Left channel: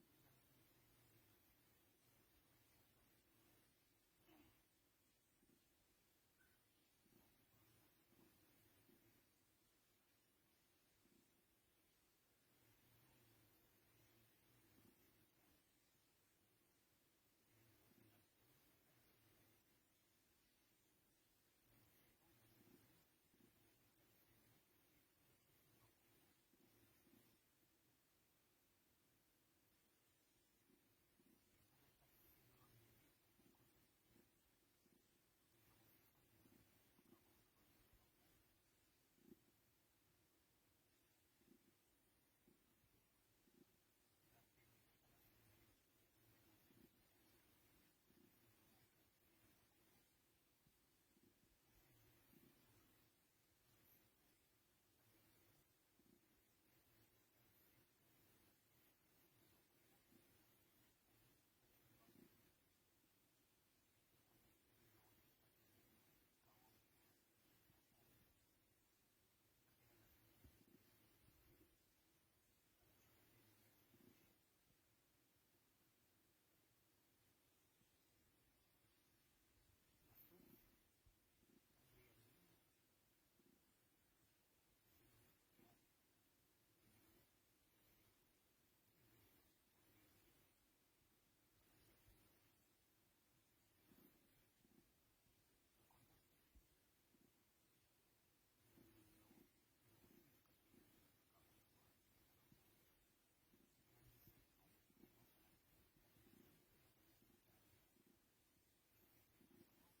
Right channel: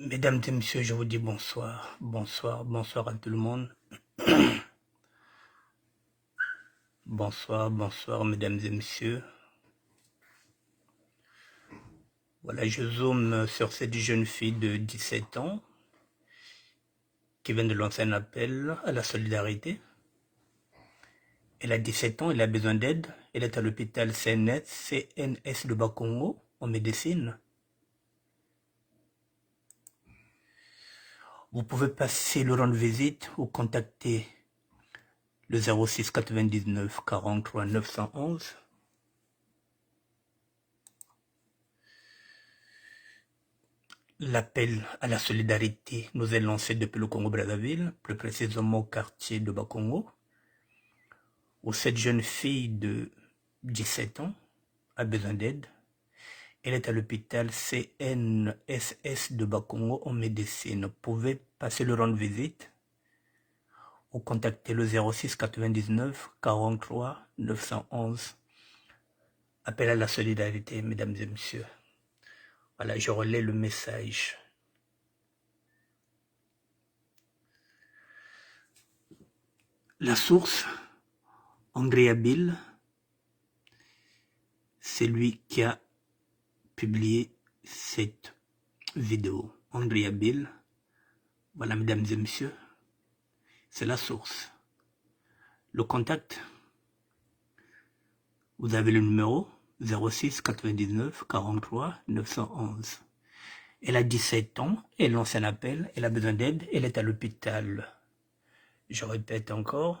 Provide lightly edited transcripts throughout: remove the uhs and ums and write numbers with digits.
Mesdames et messieurs, je vous dis bonsoir, bonsoir, bonsoir à tout le monde. Bonsoir, bonsoir, mesdames et messieurs. Voilà, je zoome sur cette jeune fille de 17 ans qui vient de lancer un appel à la solidarité. Elle a 17 ans, elle a besoin d'aide. Elle est à l'hôpital CNS de Bakongo en médecine. Vous pouvez passer le rendre visite ou contacter le 06 99 43 911. L'appel à la solidarité nous est lancé depuis le Congo-Brazzaville, plus précisément au quartier de Bakongo, où cette jeune fille de 17 ans a besoin d'aide. Elle est à l'hôpital CNSS de Bakongo en médecine. Vous pouvez passer le rendre visite ou contacter le 06 99 43 911. Appel à la solidarité, mesdames et messieurs. Voilà, je relais le message. La source, Andrea Bill, c'est lui qui a publié cette vidéo. Andrea Bill, voilà mesdames et messieurs, c'est la source. Le contact, vous avez le numéro 06 99 43 911. Elle a 17 ans, elle lance un appel, elle a besoin d'aide, elle est à l'hôpital. Je répète encore,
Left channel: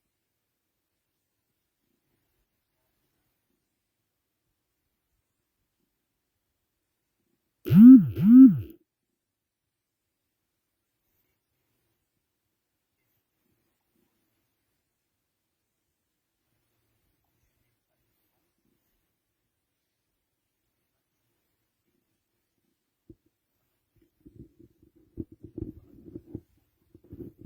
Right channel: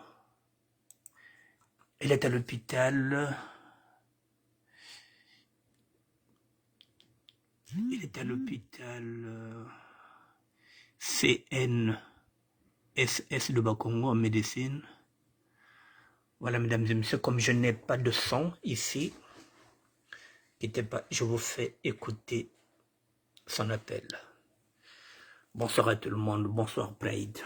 elle est à l'hôpital. Elle est à l'hôpital CNSS de Bakongo en médecine. Voilà, mesdames et messieurs, comme je n'ai pas de son ici, je vous fais écouter son appel. Bonsoir à tout le monde, bonsoir Pride.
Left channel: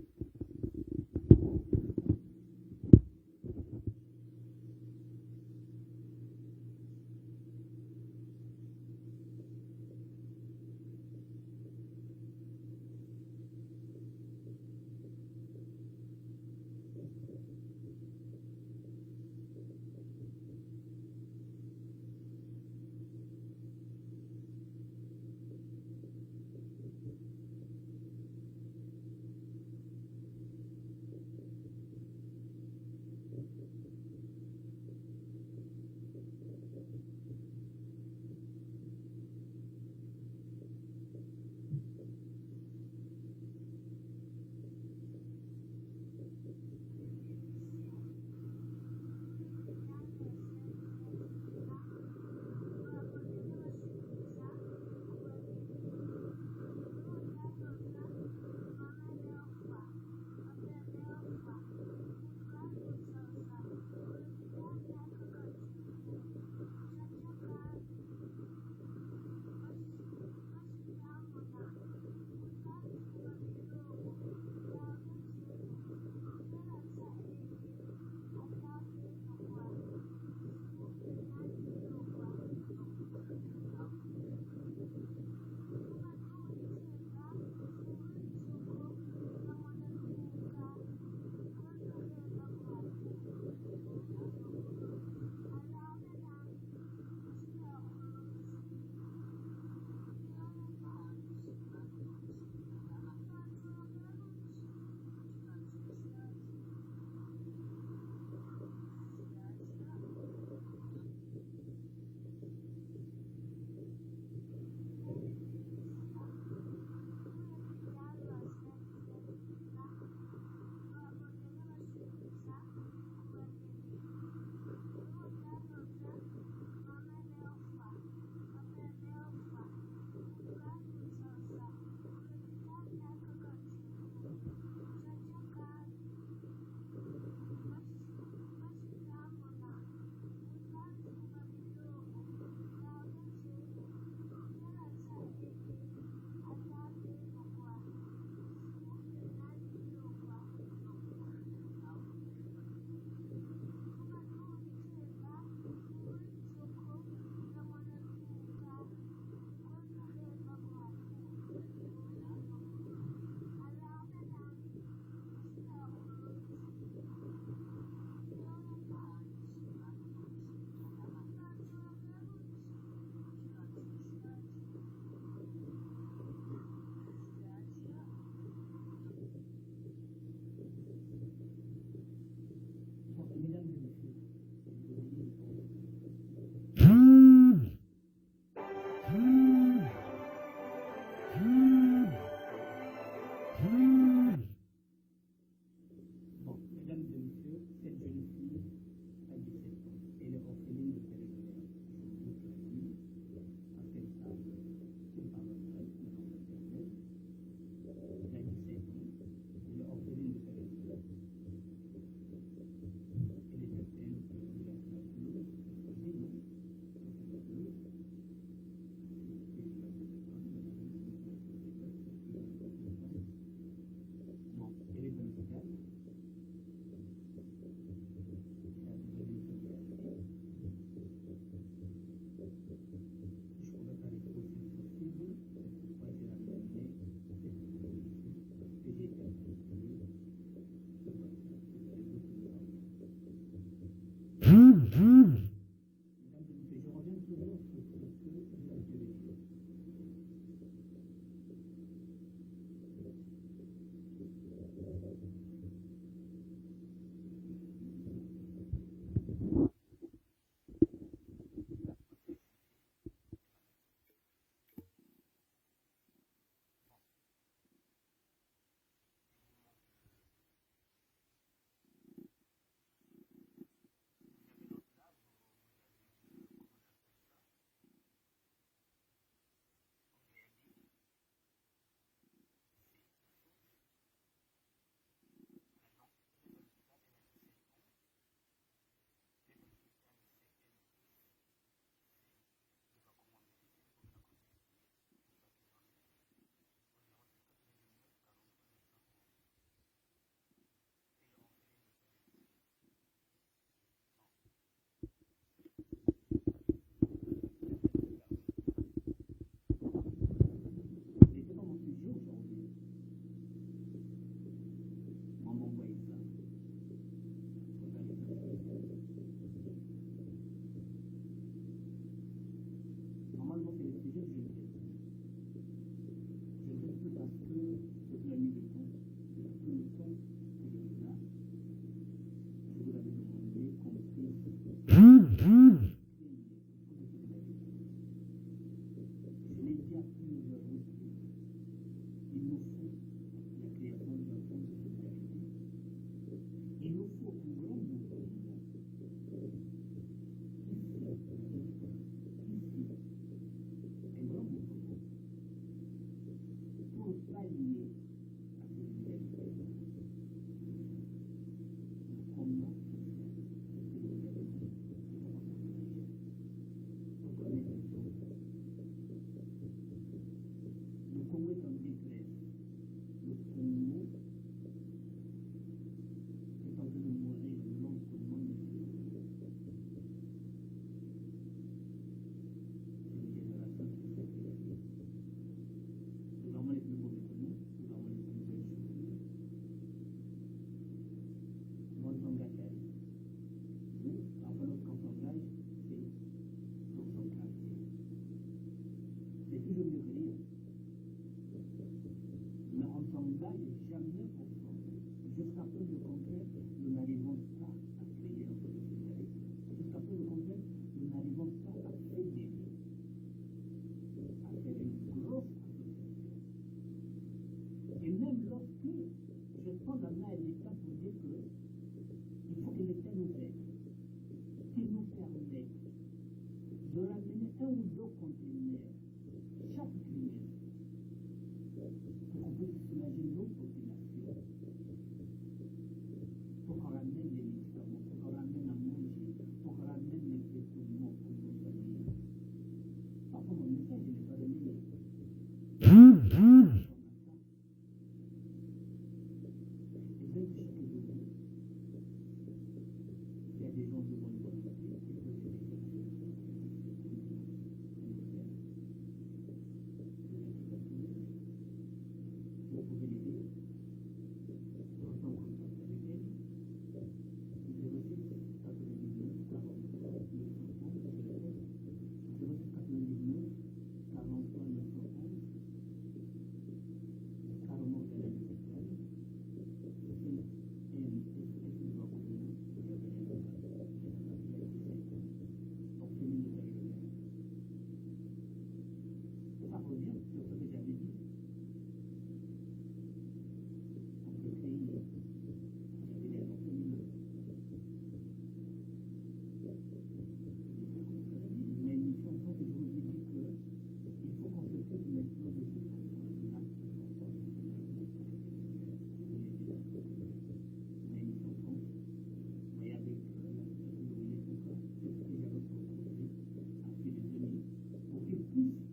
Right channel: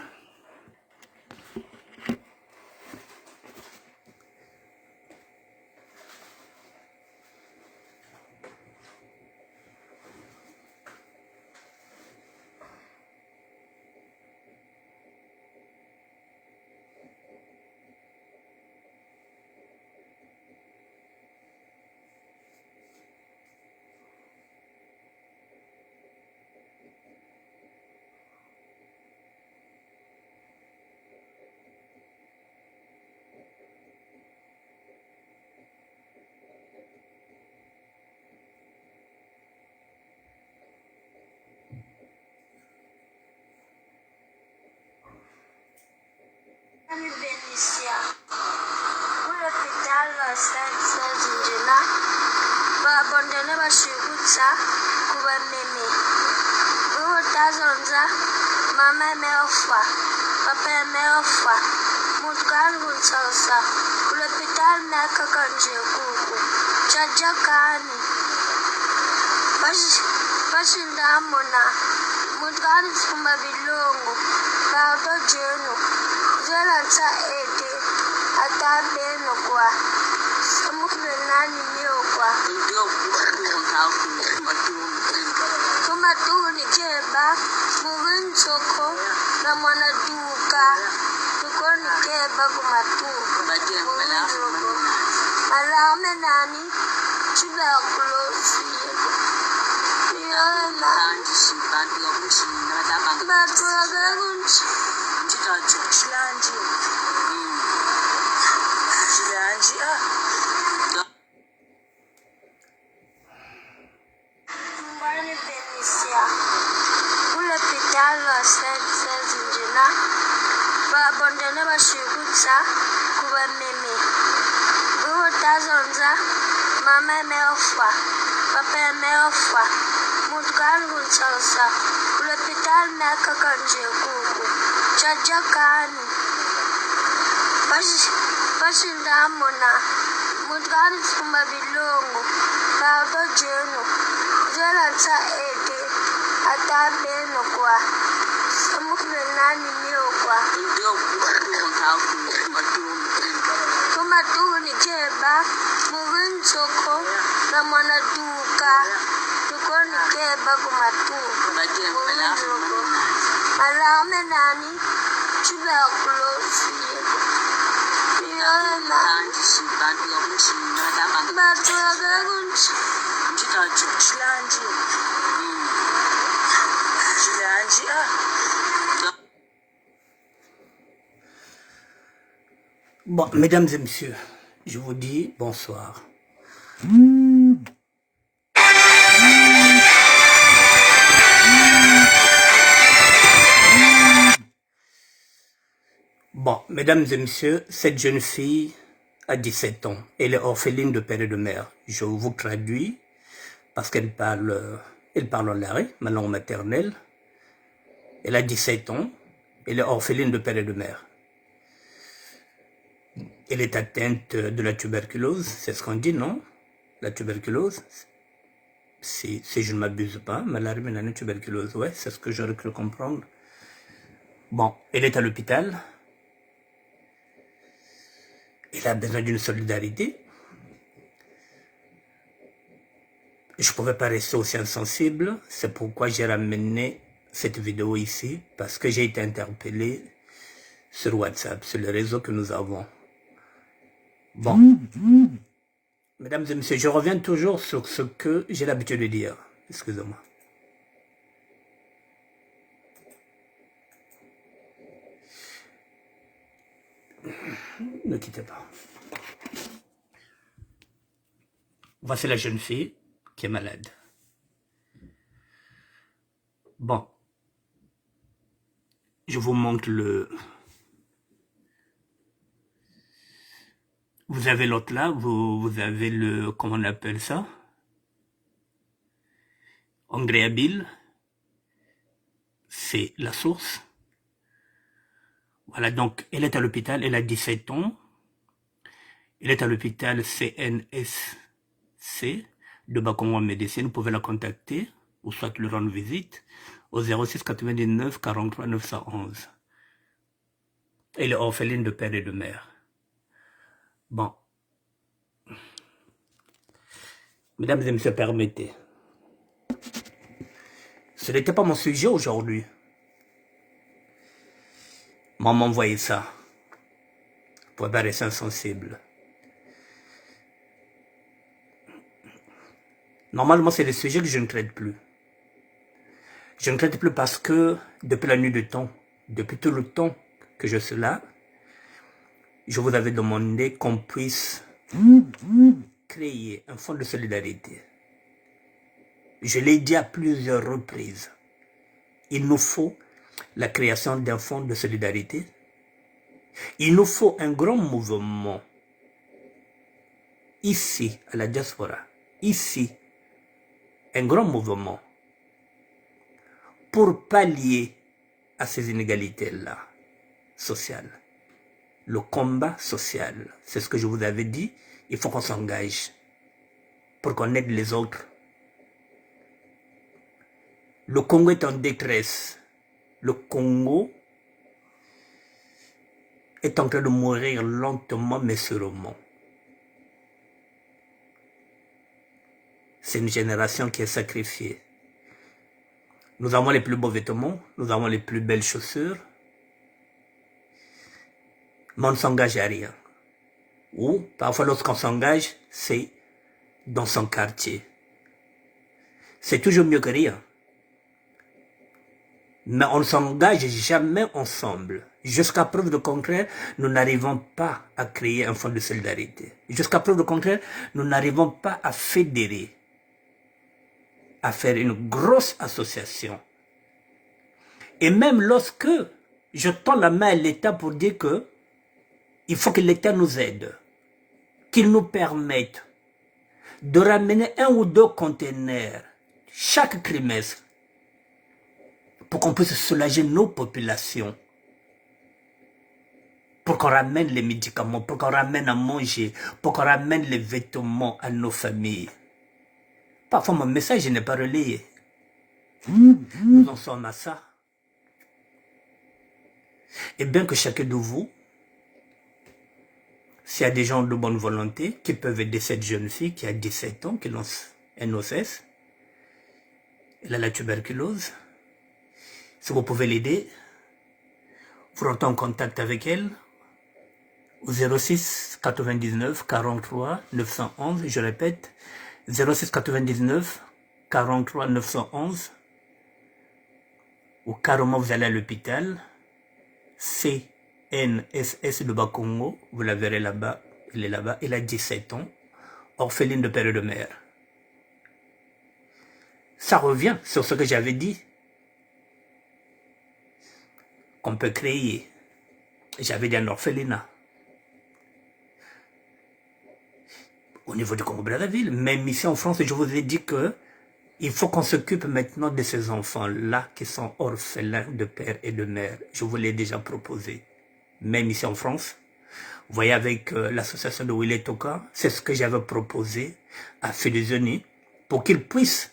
Mama ameofa, papa ameofa, mtu wangu sasa kulopita na kaka nje kuku chaja kani bashi ndamona mtu wangu suma bilongo bato jeno zela nsa ete atabeno kwa samukule nani niyo kwa kuma tu ni jeba soko na mwanaduka tukoni keba kumatuka alame nani chiba kulosi yana batu agagunchi chilanji mbani penisia Senjina babondene bashigutsa kuba meme utazonza mama ameofa papa ameofa mtu wangu sasa kulopita na kaka nje kuku chaja kani bashi ndamona mtu wangu suma bilongo bato jeno zela nsa ete atabeno kwa samukule nani niyo kwa kuma tu ni jeba soko na mwanaduka tukoni keba kumatuka Nani, tuberculose. Bon, mesdames et messieurs, je vous dis bonsoir. Bon, mesdames et messieurs, cette jeune fille a 17 ans. Elle est orpheline de père et de mère. Je vous traduis parce qu'elle parle en l'ari, ma langue maternelle. Elle a 17 ans. Elle est orpheline de père et de mère. Elle est atteinte de la tuberculose, c'est ce qu'on dit, non? La tuberculose, si je ne m'abuse pas, maladie de la tuberculose, ouais, c'est ce que j'aurais cru comprendre. Bon, elle est à l'hôpital. Elle a besoin d'une solidarité. Je ne pouvais pas rester aussi insensible, c'est pourquoi j'ai ramené cette vidéo ici, parce que j'ai été interpellé sur WhatsApp, sur le réseau que nous avons. Bon, mesdames et messieurs, je reviens toujours sur ce que j'ai l'habitude de dire. Excusez-moi. Ne quittez pas. Voici la jeune fille qui est malade. Bon, je vous montre le... Vous avez l'autre là, vous avez le... Comment on appelle ça? Engréabile. C'est la source. Voilà, donc elle est à l'hôpital, elle a 17 ans. Elle est à l'hôpital CNSC de Bakongo en médecine. Vous pouvez la contacter ou soit lui rendre visite au 06 99 43 911. Elle est orpheline de père et de mère. Bon. Mesdames et messieurs, permettez. Ce n'était pas mon sujet aujourd'hui. Maman envoyé ça. Pour pas rester insensible. Normalement, c'est des sujets que je ne traite plus. Je ne traite plus parce que depuis la nuit de temps, depuis tout le temps que je suis là, je vous avais demandé qu'on puisse créer un fonds de solidarité. Je l'ai dit à plusieurs reprises. Il nous faut la création d'un fonds de solidarité. Il nous faut un grand mouvement ici, à la diaspora, ici, un grand mouvement pour pallier à ces inégalités-là sociales. Le combat social, c'est ce que je vous avais dit, il faut qu'on s'engage pour qu'on aide les autres. Le Congo est en détresse. Le Congo est en train de mourir lentement mais sûrement. C'est une génération qui est sacrifiée. Nous avons les plus beaux vêtements, nous avons les plus belles chaussures, mais on ne s'engage à rien. Ou parfois lorsqu'on s'engage, c'est dans son quartier. C'est toujours mieux que rien. Mais on ne s'engage jamais ensemble. Jusqu'à preuve de contraire, nous n'arrivons pas à créer un fonds de solidarité. Jusqu'à preuve de contraire, nous n'arrivons pas à fédérer, à faire une grosse association. Et même lorsque je tends la main à l'État pour dire que il faut que l'État nous aide, qu'il nous permette de ramener 1 ou 2 conteneurs chaque trimestre pour qu'on puisse soulager nos populations, pour qu'on ramène les médicaments, pour qu'on ramène à manger, pour qu'on ramène les vêtements à nos familles. Parfois mon message n'est pas relayé. Nous en sommes à ça. Et bien que chacun de vous, s'il y a des gens de bonne volonté qui peuvent aider cette jeune fille qui a 17 ans, qui lance un OCS, elle a la tuberculose, si vous pouvez l'aider, Vous rentrez en contact avec elle au 06 99 43 911, je répète, 06 99 43 911, ou carrément vous allez à l'hôpital, CNSS de Bakongo, vous la verrez là-bas, elle est là-bas, elle a 17 ans, orpheline de père et de mère. Ça revient sur ce que j'avais dit, qu'on peut créer. J'avais dit un orphelinat. Au niveau du Congo-Brazzaville, même ici en France, je vous ai dit que il faut qu'on s'occupe maintenant de ces enfants-là qui sont orphelins de père et de mère. Je vous l'ai déjà proposé. Même ici en France, vous voyez avec l'association de Willy Toka, c'est ce que j'avais proposé à Fédézoni pour qu'ils puissent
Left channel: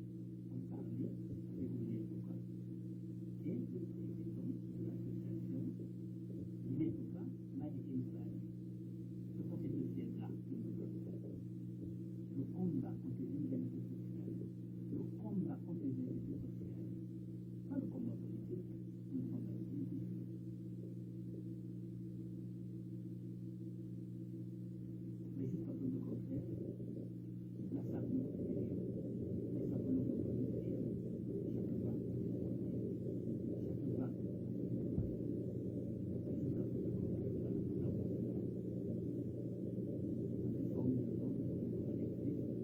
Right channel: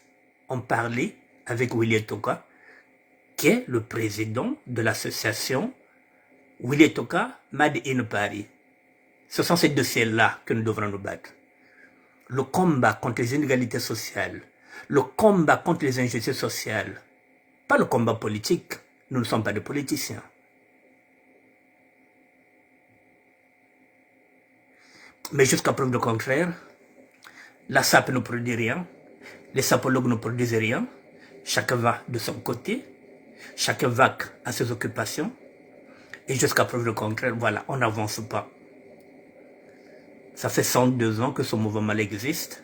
en parler avec Willy Toka, qui est le président de l'association Willy Toka Made in Paris. Ce sont ces dossiers-là que nous devrons nous battre. Le combat contre les inégalités sociales, le combat contre les injustices sociales, pas le combat politique, nous ne sommes pas des politiciens. Mais jusqu'à preuve du contraire, la SAP ne produit rien, les sapologues ne produisent rien, chacun va de son côté, chacun va à ses occupations, et jusqu'à preuve du contraire, voilà, on n'avance pas. Ça fait 102 ans que ce mouvement existe.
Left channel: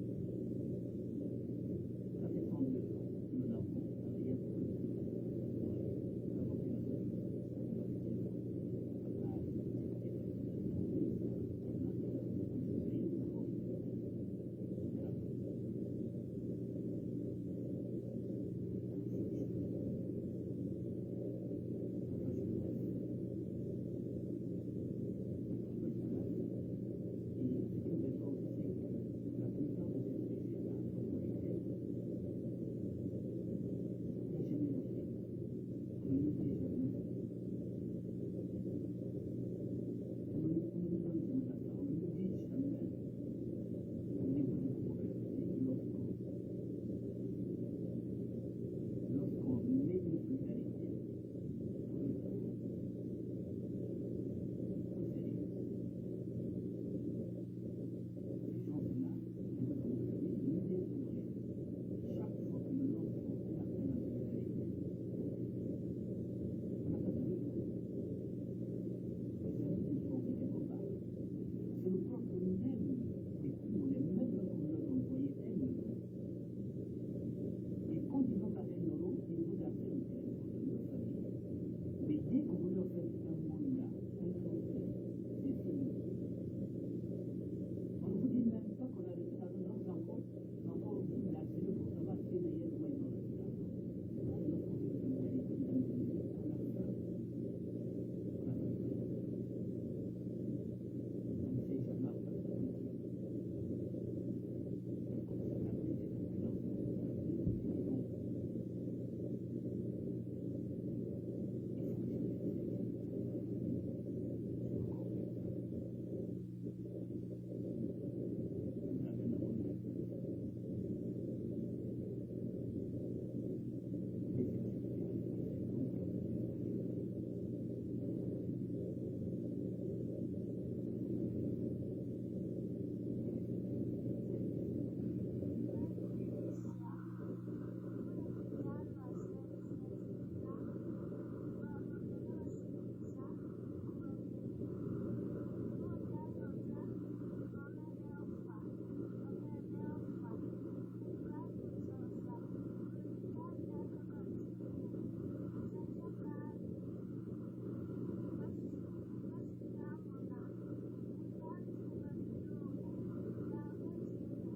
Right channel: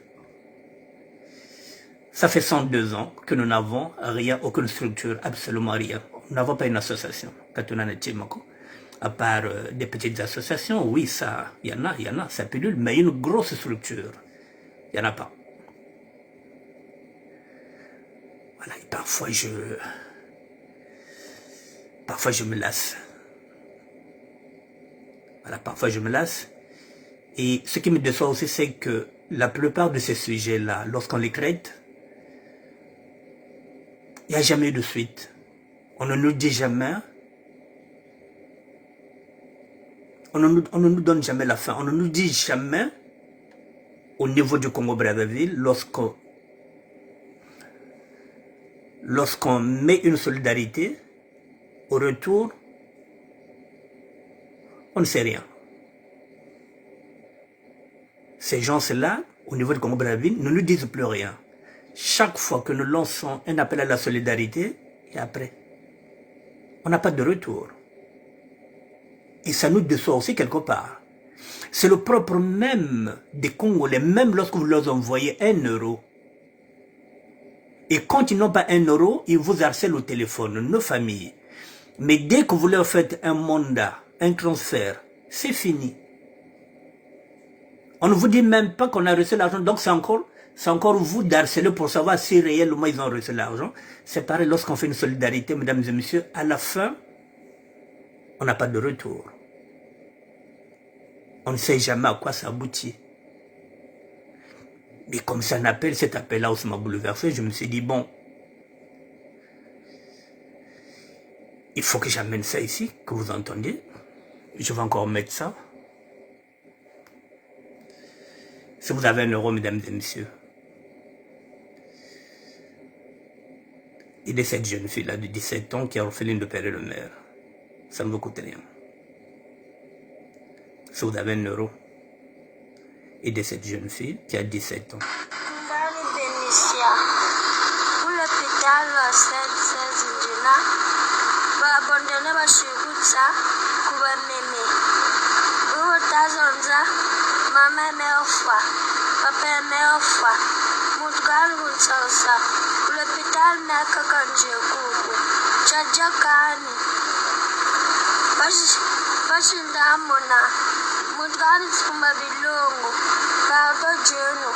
Ça fait 102 ans que nous n'avons rien, aucune structure, absolument rien. Nous n'avons pas une association. À part des petites associations, oui, ça, il y en a, ça pilule, mais une grosse structure, il n'y en a pas. Voilà, et parfois je me lasse. Voilà, parfois je me lasse. Et ce qui me déçoit aussi, c'est que la plupart de ces sujets-là, lorsqu'on les traite, il n'y a jamais eu de suite. On ne nous dit jamais, on ne nous donne jamais la fin. On ne nous dit jamais, au niveau du Congo-Brazzaville, lorsqu'on met une solidarité, au retour, on ne sait rien. Ces gens-là, au niveau du Congo-Brazzaville, ne nous disent plus rien. Chaque fois que nous lançons un appel à la solidarité, et après, on n'a pas de retour. Et ça nous déçoit aussi quelque part. C'est le propre même des Congolais, même lorsque vous leur envoyez 1 euro. Et quand ils n'ont pas 1 euro, ils vous harcèlent au téléphone, nos familles. Mais dès que vous leur faites un mandat, un transfert, c'est fini. On ne vous dit même pas qu'on a reçu l'argent, donc c'est encore vous d'harceler pour savoir si réellement ils ont reçu l'argent. C'est pareil lorsqu'on fait une solidarité, mesdames et messieurs, à la fin, on n'a pas de retour. On ne sait jamais à quoi ça aboutit. Mais comme c'est un appel, cet appel-là aussi m'a bouleversé, je me suis dit, bon, il faut que j'amène ça ici, que vous entendiez. Je vais encore mettre ça. Si vous avez 1 euro, mesdames et messieurs, il est cette jeune fille-là de 17 ans qui est orpheline de père et de mère. Ça ne vous coûte rien. Si vous avez 1 euro, aidez cette jeune fille qui a 17 ans. Bashindamona mutgani tsumba bilongo kato jeno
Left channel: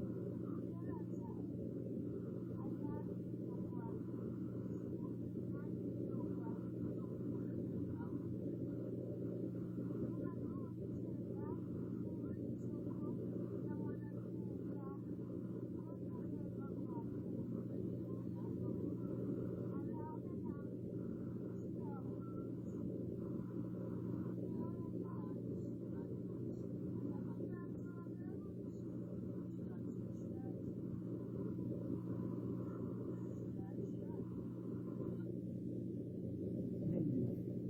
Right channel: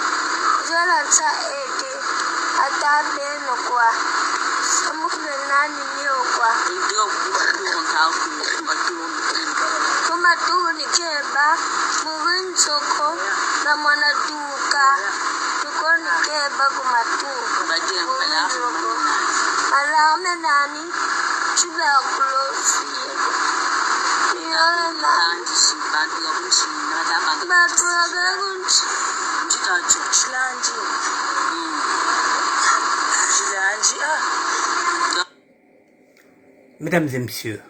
zela tsa ete atabeno kwa samukle nani niyo kwa kuma tuni keba muwinsoko na mwana tuka tukoni keba kumatuka alame nani chula kulosi Mesdames et messieurs,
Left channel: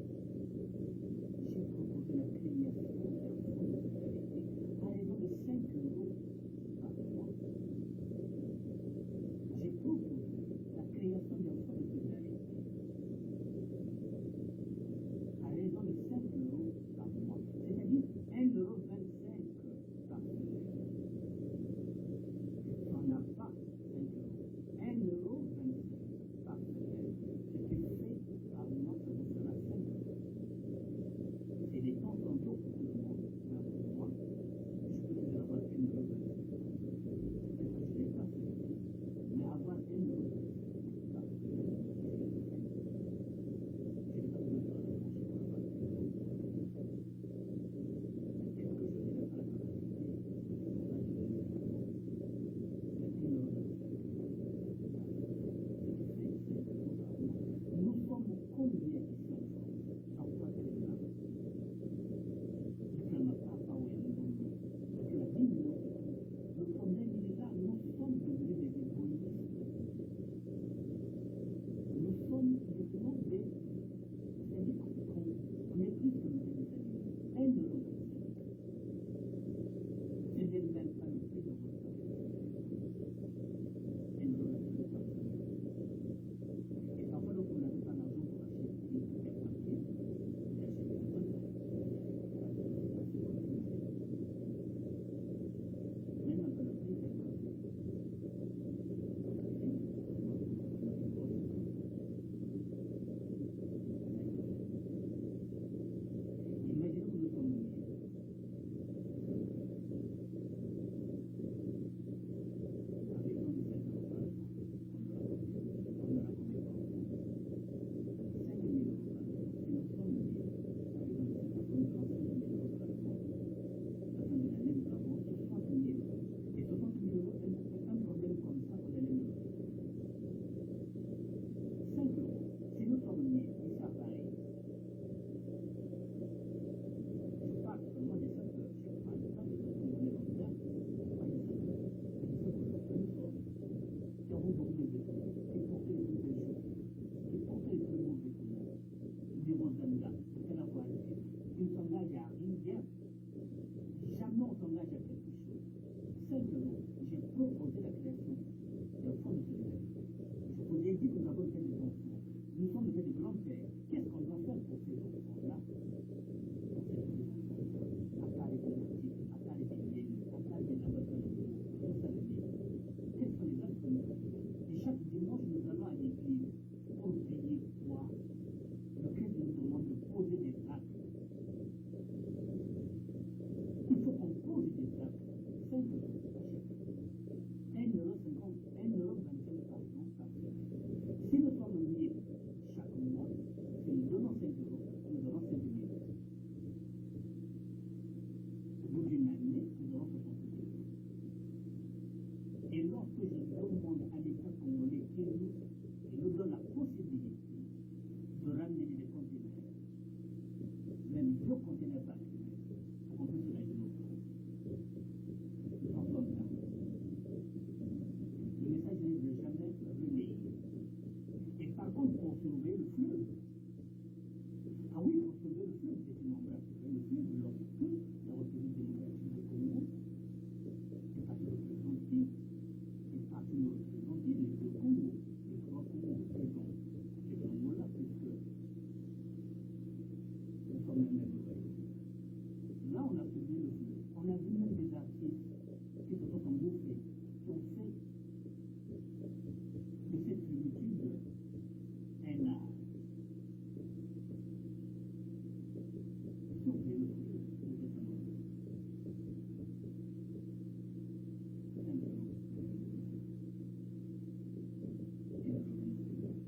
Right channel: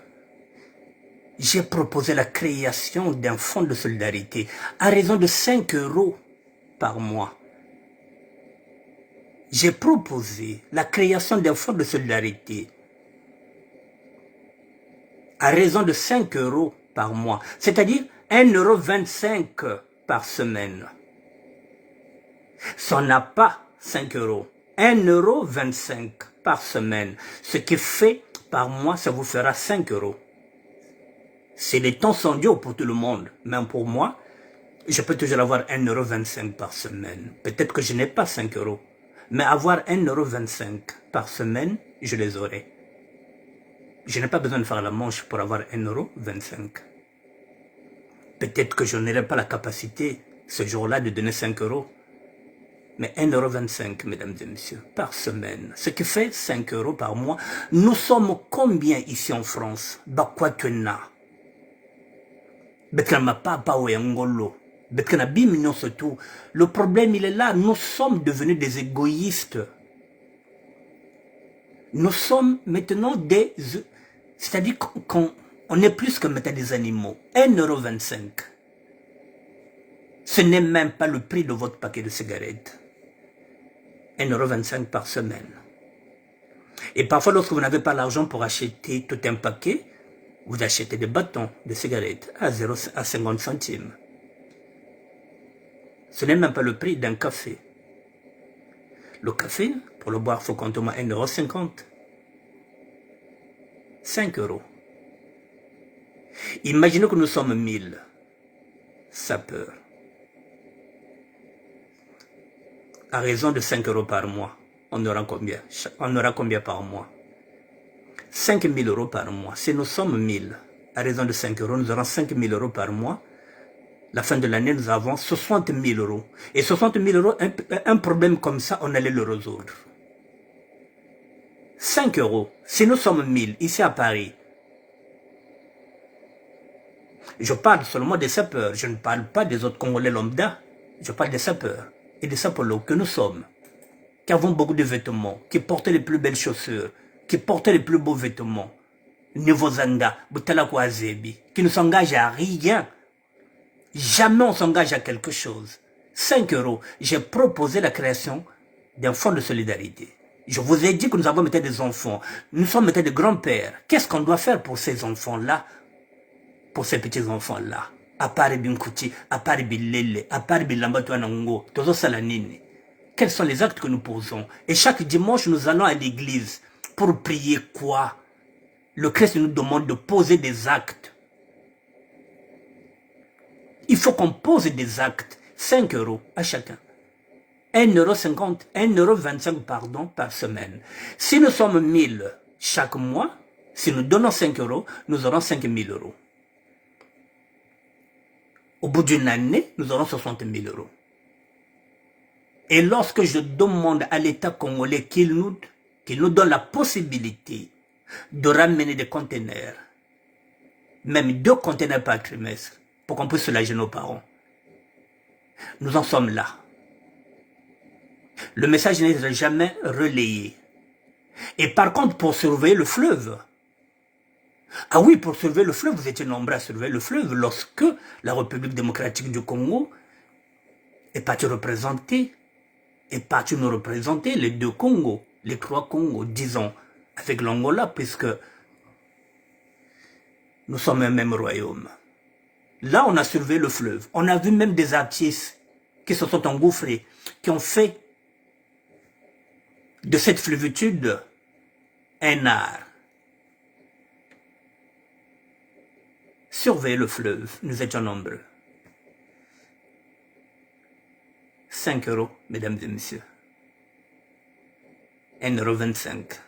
j'ai proposé la création d'un fonds de solidarité à raison de 5 € par mois. J'ai proposé la création d'un fonds de solidarité à raison de 5 € par mois, c'est-à-dire 1,25 € par semaine. Ça n'a pas 5 €, 1,25 € par semaine, ce qui fait par mois, ça vous fera 5 €. C'est les temps sont durs pour tout le monde, même pour moi, je peux toujours avoir 1,25 € par semaine. Peut-être que je n'ai pas 5 €, mais avoir 1,25 € par semaine, je les aurai. Je n'ai pas besoin de faire la manche pour avoir 1,25 €. Peut-être que je n'aurai pas la capacité ce jour-là de donner 5 €, mais 1,25 €, mesdames et messieurs, par semaine, ce qui fait 5 € par mois. Nous sommes combien ici en France? Bakwatuna, Betkana Papa ou Ngolo, Betkana Bimino surtout. Le problème, il est là. Nous sommes devenus des égoïstes. Nous sommes maintenant des... C'est-à-dire qu'on est plus que maintenant des animaux. 1,25 €. Ce n'est même pas le prix de votre paquet de cigarettes. 1,25 € par semaine. Et parfois, lorsque vous n'avez pas l'argent pour acheter tout un paquet, vous achetez des bâtons de cigarettes à 50 centimes. Ce n'est même pas le prix d'un café. Le café, pour le boire, il faut compter au moins 1,50 €. 5 €. Imaginez que nous sommes 1000 sapeurs. À raison de 5 € par mois, on aura combien? On aura combien par mois? 5 000 € par mois. Si nous sommes 1000, à raison de 5 €, nous aurons 5 000 € par mois. La fin de l'année, nous avons 60 000 €. Et 60 000 €, un problème comme ça, on allait le résoudre. 5 €. Si nous sommes 1000, ici à Paris, je parle seulement des sapeurs. Je ne parle pas des autres Congolais lambda. Je parle des sapeurs et des sapologues que nous sommes, qui avons beaucoup de vêtements, qui portent les plus belles chaussures, qui portent les plus beaux vêtements. Nevozanga, Butalakwazebi, qui ne s'engagent à rien. Jamais on s'engage à quelque chose. 5 €. J'ai proposé la création d'un fonds de solidarité. Je vous ai dit que nous avons maintenant des enfants. Nous sommes maintenant des grands-pères. Qu'est-ce qu'on doit faire pour ces enfants-là? Pour ces petits-enfants-là? À part Binkouti, à part Bilele, à part Bilambatouanango, Tozo Salanine. Quels sont les actes que nous posons? Et chaque dimanche, nous allons à l'église. Pour prier quoi? Le Christ nous demande de poser des actes. Il faut qu'on pose des actes. 5 € à chacun. 1,50 €, 1,25 € pardon, par semaine. Si nous sommes 1000 chaque mois, si nous donnons 5 €, nous aurons 5 000 €. Au bout d'une année, nous aurons 60 000 €. Et lorsque je demande à l'État congolais qu'il nous donne la possibilité de ramener des conteneurs, même 2 conteneurs par trimestre, pour qu'on puisse soulager nos parents, nous en sommes là. Le message n'est jamais relayé. Et par contre, pour surveiller le fleuve, ah oui, pour surveiller le fleuve, vous étiez nombreux à surveiller le fleuve lorsque la République démocratique du Congo est partie représenter, est partie nous représenter les 2 Congos, les 3 Congos, disons, avec l'Angola, puisque nous sommes un même royaume. Là, on a surveillé le fleuve. On a vu même des artistes qui se sont engouffrés, qui ont fait de cette flévitude un art. Surveiller le fleuve, nous étions nombreux. 5 €, mesdames et messieurs. 1,25 €.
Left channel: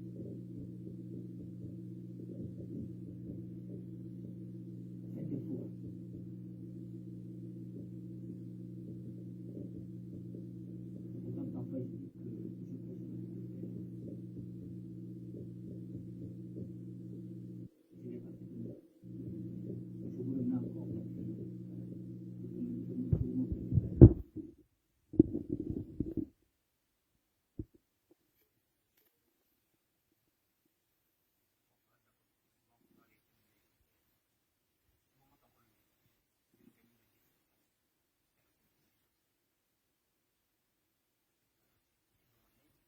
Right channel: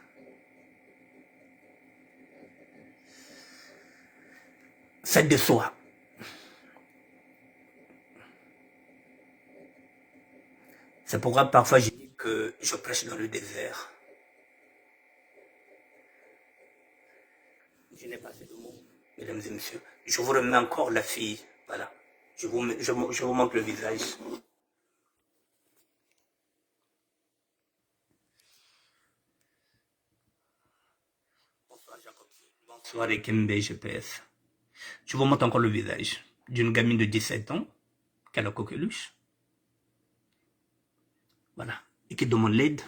Ça déçoit. C'est pourquoi parfois je dis que je prêche dans le désert. Je n'ai pas assez de mots, mesdames et messieurs. Je vous remets encore la fille. Voilà. Je vous montre le visage. Bonsoir Jacob. Bonsoir Ekembe GPS. Je vous montre encore le visage d'une gamine de 17 ans qui a la coqueluche. Voilà. Et qui demande l'aide.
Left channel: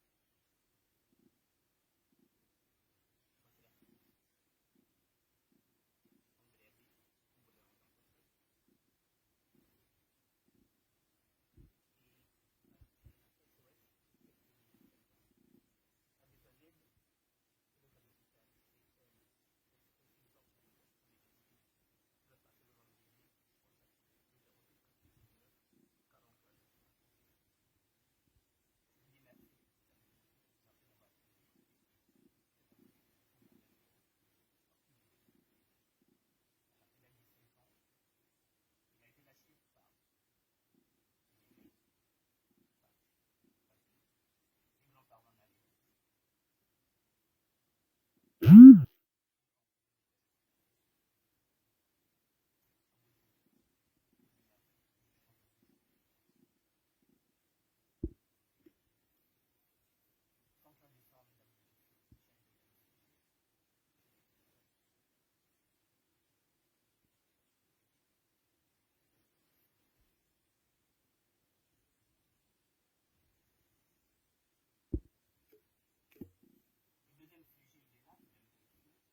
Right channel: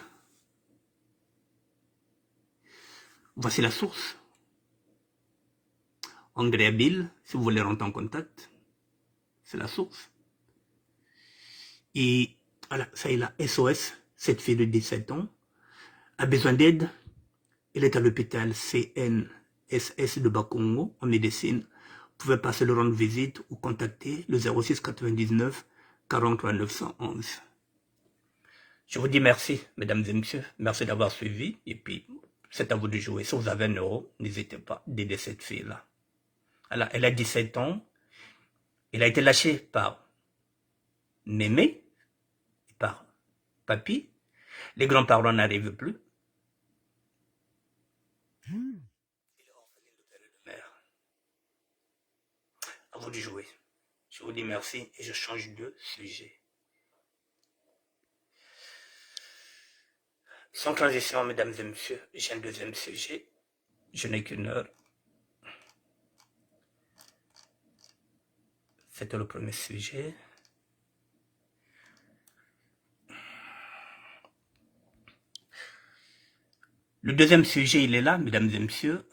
Voici la source. Andrea Bill, si vous voulez rentrer en contact, c'est la source. Et voilà, ça est là, SOS, cette fille de 17 ans a besoin d'aide. Elle est à l'hôpital CNSS de Bakongo en médecine. Vous pouvez passer le rendre visite ou contacter le 06 99 43 911. Je vous dis merci, mesdames et messieurs. Merci d'avoir suivi. Et puis, c'est à vous de jouer. Si vous avez 1 euro, n'hésitez pas d'aider cette fille-là. Alors, elle a 17 ans. Elle a été lâchée par Mémé, par Papy. Les grands-parents n'arrivent plus. À vous de jouer. Je vous dis merci et je change de sujet. Sans transition, mesdames et messieurs, j'ai un deuxième sujet. Je n'ai qu'une heure. C'était le premier sujet. Le deuxième sujet, il est là, mesdames et messieurs.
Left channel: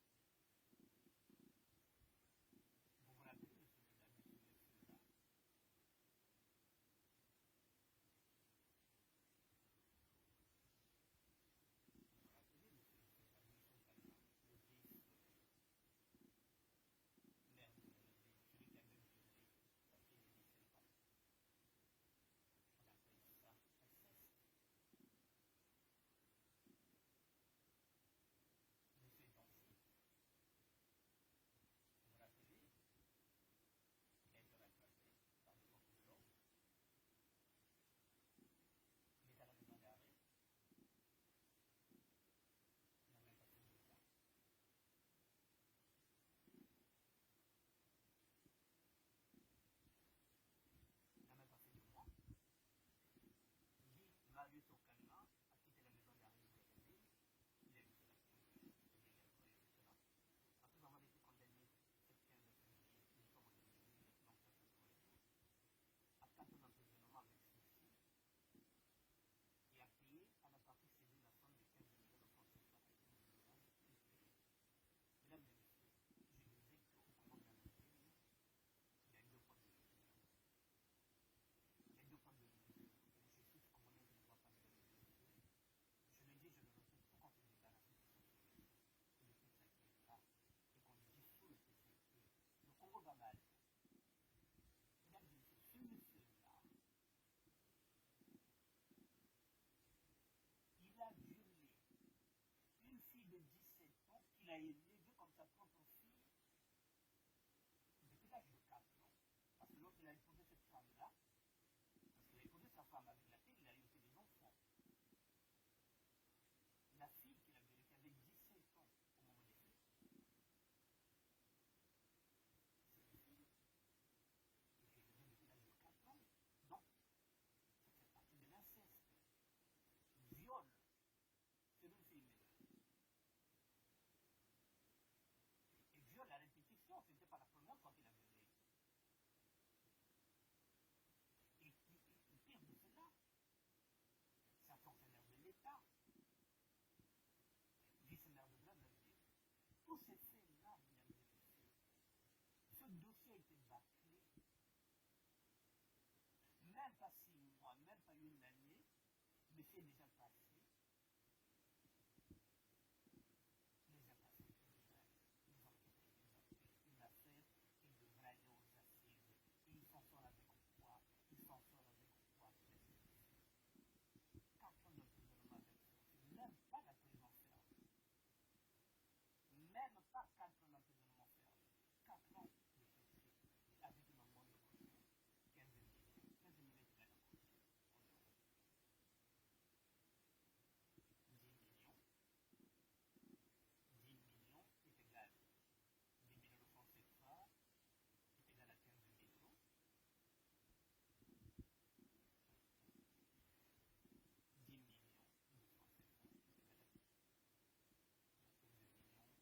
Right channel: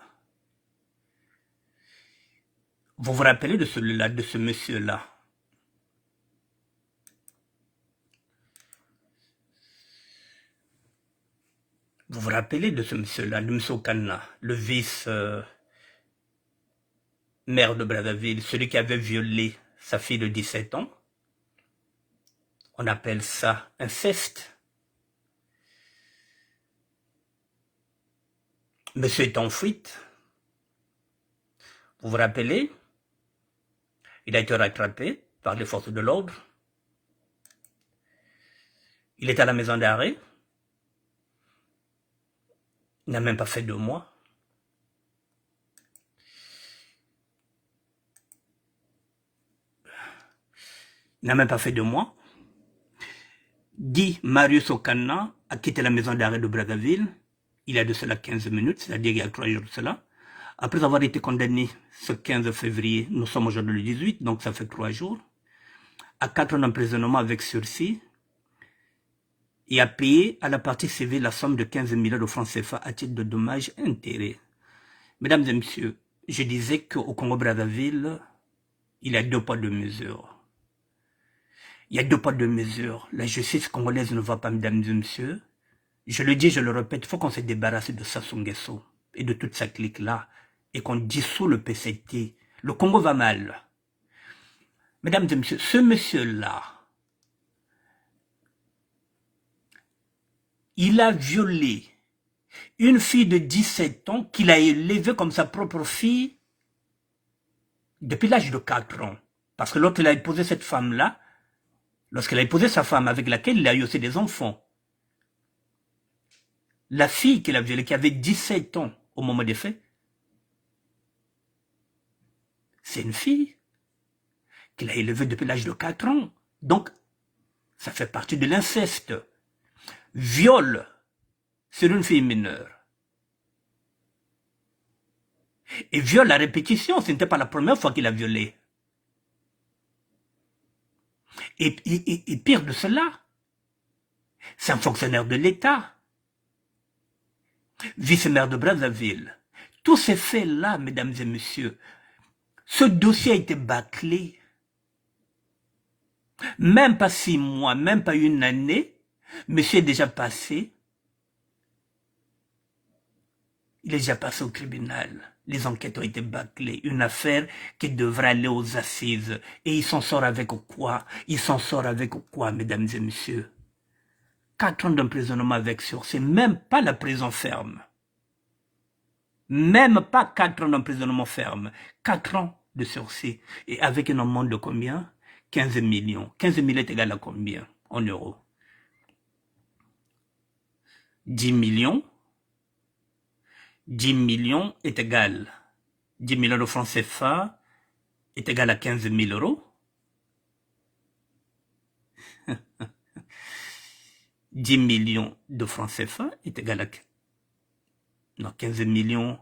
Vous vous rappelez de celui-là, de ce monsieur-là? Vous vous rappelez de ce monsieur-là, de M. Okana, le vice-maire de Brazzaville, celui qui avait violé sa fille de 17 ans? On appelle ça inceste. Monsieur est en fuite. Vous vous rappelez? Il a été rattrapé par les forces de l'ordre. Il est à la maison d'arrêt. Il n'a même pas fait 2 mois. Il n'a même pas fait 2 mois. Guy Marius Okana a quitté la maison d'arrêt de Brazzaville. Il y a de cela 15 minutes, c'est-à-dire il y a 3 jours de cela. Après avoir été condamné ce 15 février, nous sommes aujourd'hui le 18, donc ça fait 3 jours, à 4 ans d'emprisonnement avec sursis, et a payé à la partie civile la somme de 15 millions de francs CFA à titre de dommages et intérêts. Mesdames et messieurs, je disais qu'au Congo-Brazzaville, il y a 2 poids 2 mesures. Il y a 2 poids 2 mesures. La justice congolaise ne va pas, mesdames et messieurs. Je le dis, je le répète, il faut qu'on se débarrasse de Sassou Nguesso et de toute sa clique-là et qu'on dissout le PCT. Le Congo va mal. Mesdames et messieurs, ce monsieur-là, il a violé une fille de 17 ans qu'il a élevée comme sa propre fille depuis l'âge de 4 ans. Parce que l'autre, il a épousé cette femme-là, lorsqu'il a épousé sa femme avec laquelle il a eu aussi des enfants. La fille qu'il a violée, qui avait 17 ans au moment des faits, c'est une fille qu'il a élevée depuis l'âge de 4 ans. Donc, ça fait partie de l'inceste. Viol sur une fille mineure. Et viol à répétition, ce n'était pas la première fois qu'il a violé. Et pire de cela, c'est un fonctionnaire de l'État, vice-maire de Brazzaville. Tous ces faits-là, mesdames et messieurs, ce dossier a été bâclé. Même pas 6 mois, même pas 1 année, monsieur est déjà passé. Il est déjà passé au tribunal. Les enquêtes ont été bâclées. Une affaire qui devrait aller aux assises. Et il s'en sort avec quoi? Il s'en sort avec quoi, mesdames et messieurs? 4 ans d'emprisonnement avec sursis. Même pas la prison ferme. Même pas 4 ans d'emprisonnement ferme. 4 ans de sursis. Et avec une amende de combien? 15 millions. 15 millions est égal à combien en euros? 10 millions. 10 millions est égal. 10 millions de francs CFA est égal à 15 000 euros. 10 millions de francs CFA est égal à... Non, 15 millions.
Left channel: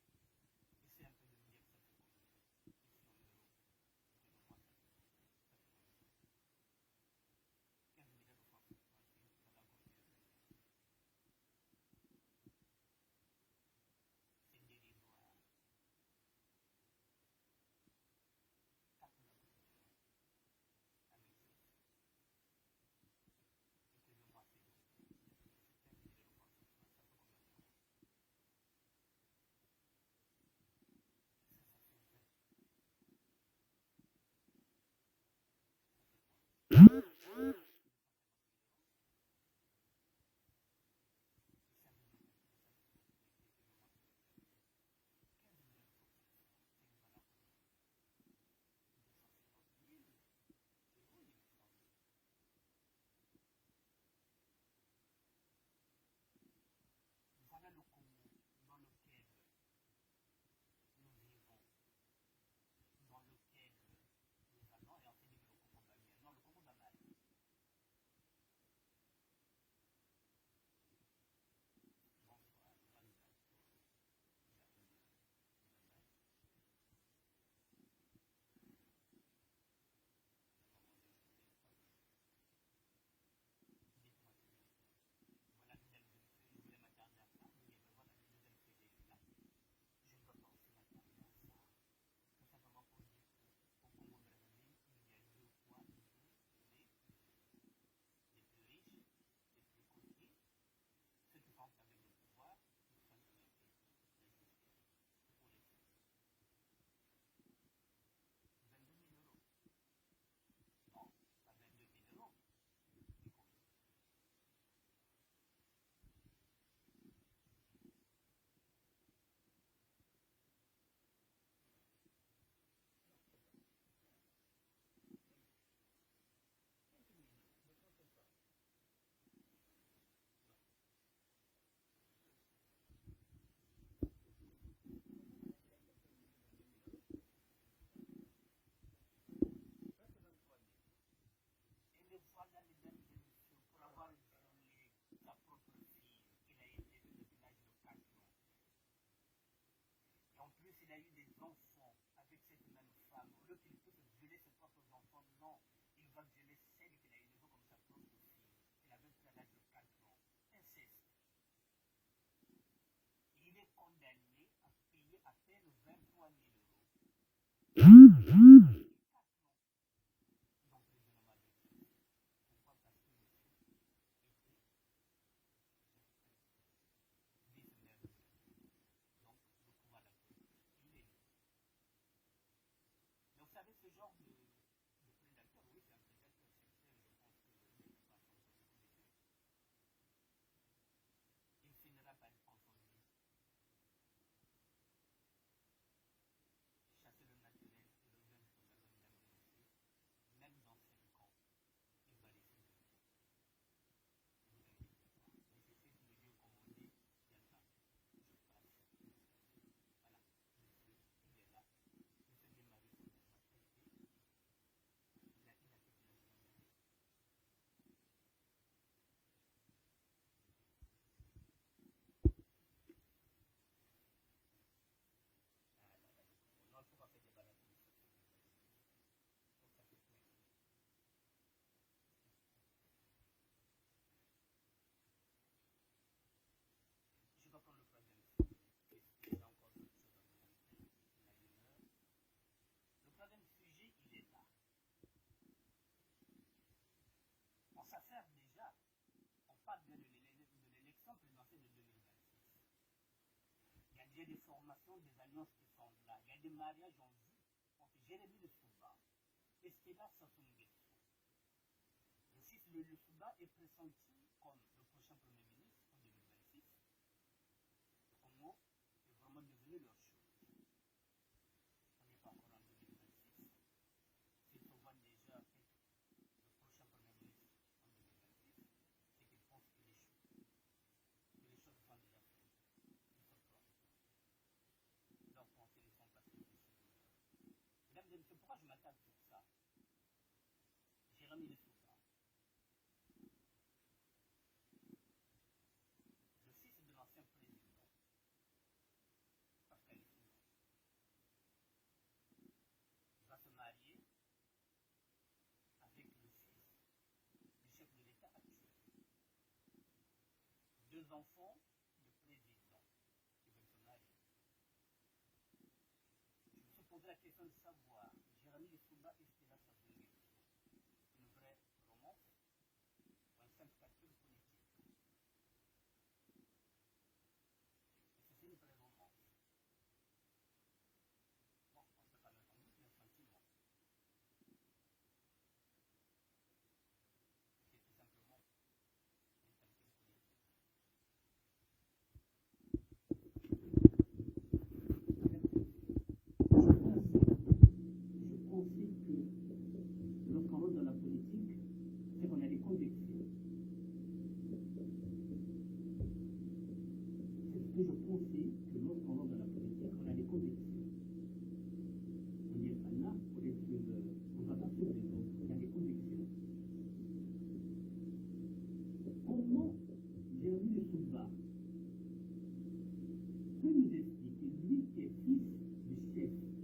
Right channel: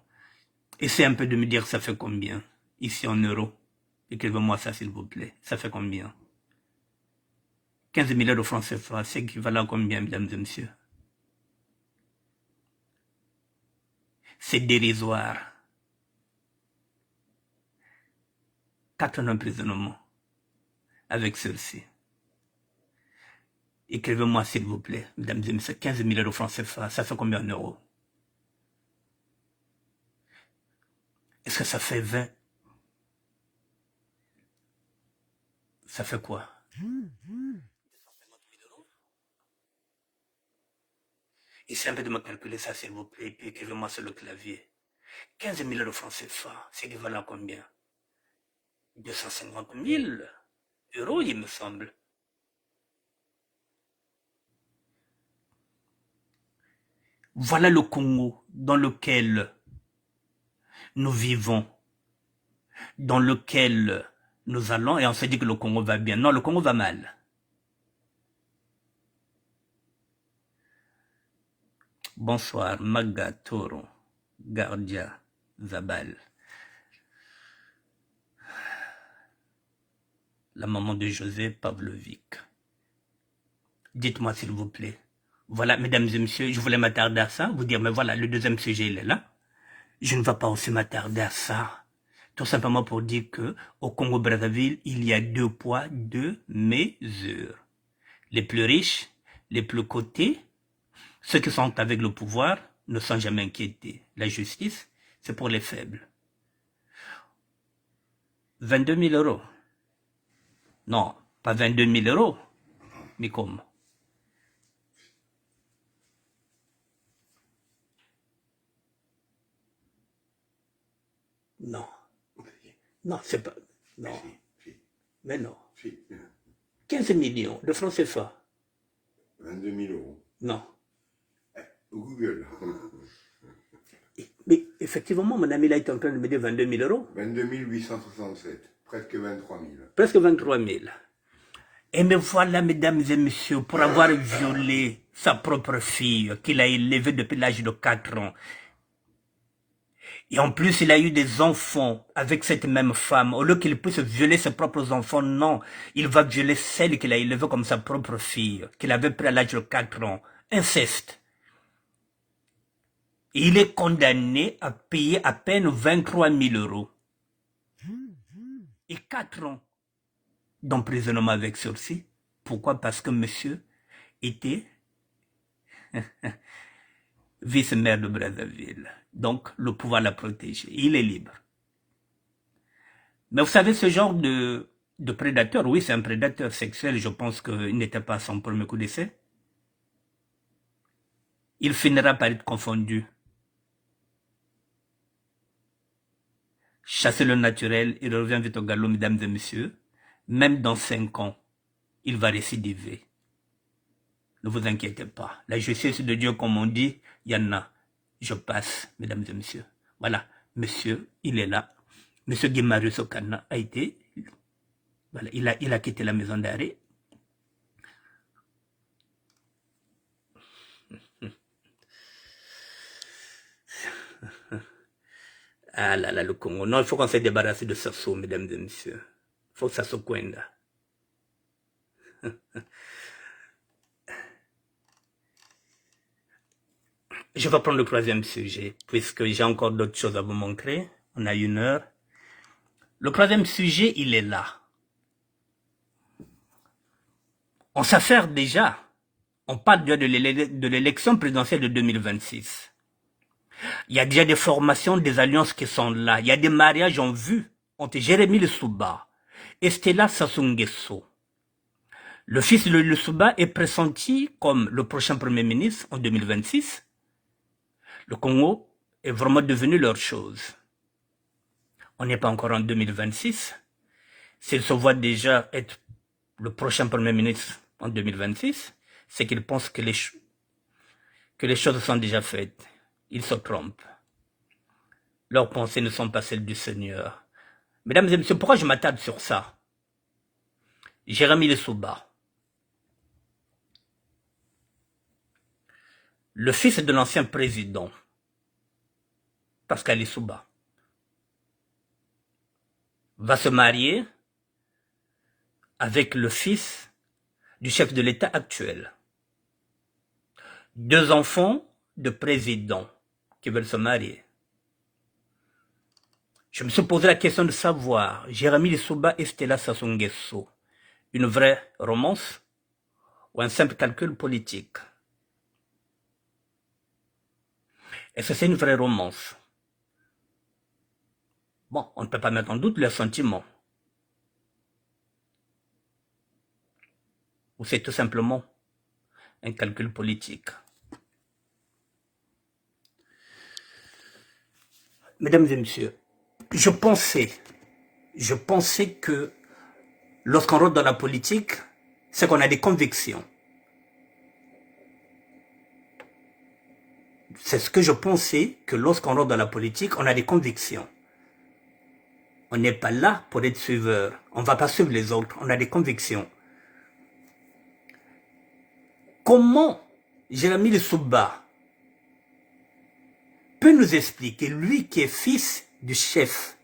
Essayez un peu de me dire ça fait combien. ici en euros. Écrivez-moi ça, s'il vous plaît. Ça fait combien? 15 milliards de francs CFA, c'est équivalent à combien, mesdames et messieurs? C'est dérisoire. 4 ans d'emprisonnement avec celle-ci. Écrivez-moi, s'il vous plaît, mesdames et messieurs, 15 milliards de francs CFA, ça fait combien en euros? Est-ce que ça fait 20? Ça fait quoi? Essayez un peu de me calculer ça, s'il vous plaît, et puis écrivez-moi sur le clavier. 15 milliards de francs CFA, c'est équivalent à combien? 250 000 euros, il me semble. Voilà le Congo dans lequel nous vivons, dans lequel nous allons, et on se dit que le Congo va bien. Non, le Congo va mal. Bonsoir, Maga Toro, Gardia, Zabal. La maman de José Pavlovic. Dites-moi s'il vous plaît. Voilà, mesdames et messieurs, je voulais m'attarder à ça, vous dire, mais voilà, le deuxième sujet, il est là. Je ne vais pas aussi m'attarder à ça. Tout simplement pour dire que au Congo-Brazzaville, il y a 2 poids, 2 mesures. Les plus riches, les plus cotés, ceux qui sont avec le pouvoir ne sont jamais inquiétés. La justice, c'est pour les faibles. 22 000 euros. Non, pas 22 000 euros. Mais comme? Non. Non, c'est pas... Non. Mais non. 15 millions de francs CFA. 22 000 euros. Non. Google. Mais effectivement, mon ami là est en train de me dire 22 000 euros. 22 867. Presque 23 000. Presque 23 000. Et me voilà, mesdames et messieurs, pour avoir violé sa propre fille, qu'il a élevée depuis l'âge de 4 ans. Et en plus, il a eu des enfants avec cette même femme. Au lieu qu'il puisse violer ses propres enfants, non. Il va violer celle qu'il a élevée comme sa propre fille, qu'il avait pris à l'âge de 4 ans. Inceste. Et il est condamné à payer à peine 23 000 euros. Et 4 ans d'emprisonnement avec sursis. Pourquoi? Parce que monsieur était vice-maire de Brazzaville. Donc, le pouvoir l'a protégé. Il est libre. Mais vous savez, ce genre de prédateur, oui, c'est un prédateur sexuel. Je pense qu'il n'était pas son premier coup d'essai. Il finira par être confondu. Chasser le naturel, il revient vite au galop, mesdames et messieurs. Même dans 5 ans, il va récidiver. Ne vous inquiétez pas. La justice de Dieu, comme on dit, il y en a. Je passe, mesdames et messieurs. Voilà, monsieur, il est là. Monsieur Guimarius Okana a été... Voilà, il a quitté la maison d'arrêt. Ah là là, le Congo. Non, il faut qu'on se débarrasse de Sassou, mesdames et messieurs. Il faut que ça se coinde. Je vais prendre le 3e sujet, puisque j'ai encore d'autres choses à vous montrer. On a 1 heure. Le 3e sujet, il est là. On s'affaire déjà. On parle déjà de l'élection présidentielle de 2026. Il y a déjà des formations, des alliances qui sont là. Il y a des mariages en vue entre Jérémy Lussuba et Stella Sassou Nguesso. Le fils de Lussuba est pressenti comme le prochain Premier ministre en 2026. Le Congo est vraiment devenu leur chose. On n'est pas encore en 2026. S'il se voit déjà être le prochain Premier ministre en 2026, c'est qu'il pense que les choses sont déjà faites. Ils se trompent. Leurs pensées ne sont pas celles du Seigneur. Mesdames et messieurs, pourquoi je m'attarde sur ça? Jérémy Lussuba, le fils de l'ancien président, Pascal Lussuba, va se marier avec le fils du chef de l'État actuel. 2 enfants de présidents qui veulent se marier. Je me suis posé la question de savoir, Jérémie Lissouba et Stella Sassou Nguesso, une vraie romance ou un simple calcul politique? Est-ce que c'est une vraie romance? Bon, on ne peut pas mettre en doute leurs sentiments. Ou c'est tout simplement un calcul politique? Mesdames et messieurs, je pensais que lorsqu'on rentre dans la politique, c'est qu'on a des convictions. C'est ce que je pensais, que lorsqu'on rentre dans la politique, on a des convictions. On n'est pas là pour être suiveur. On ne va pas suivre les autres. On a des convictions. Comment Jérémie Lissouba peut nous expliquer, lui qui est fils du chef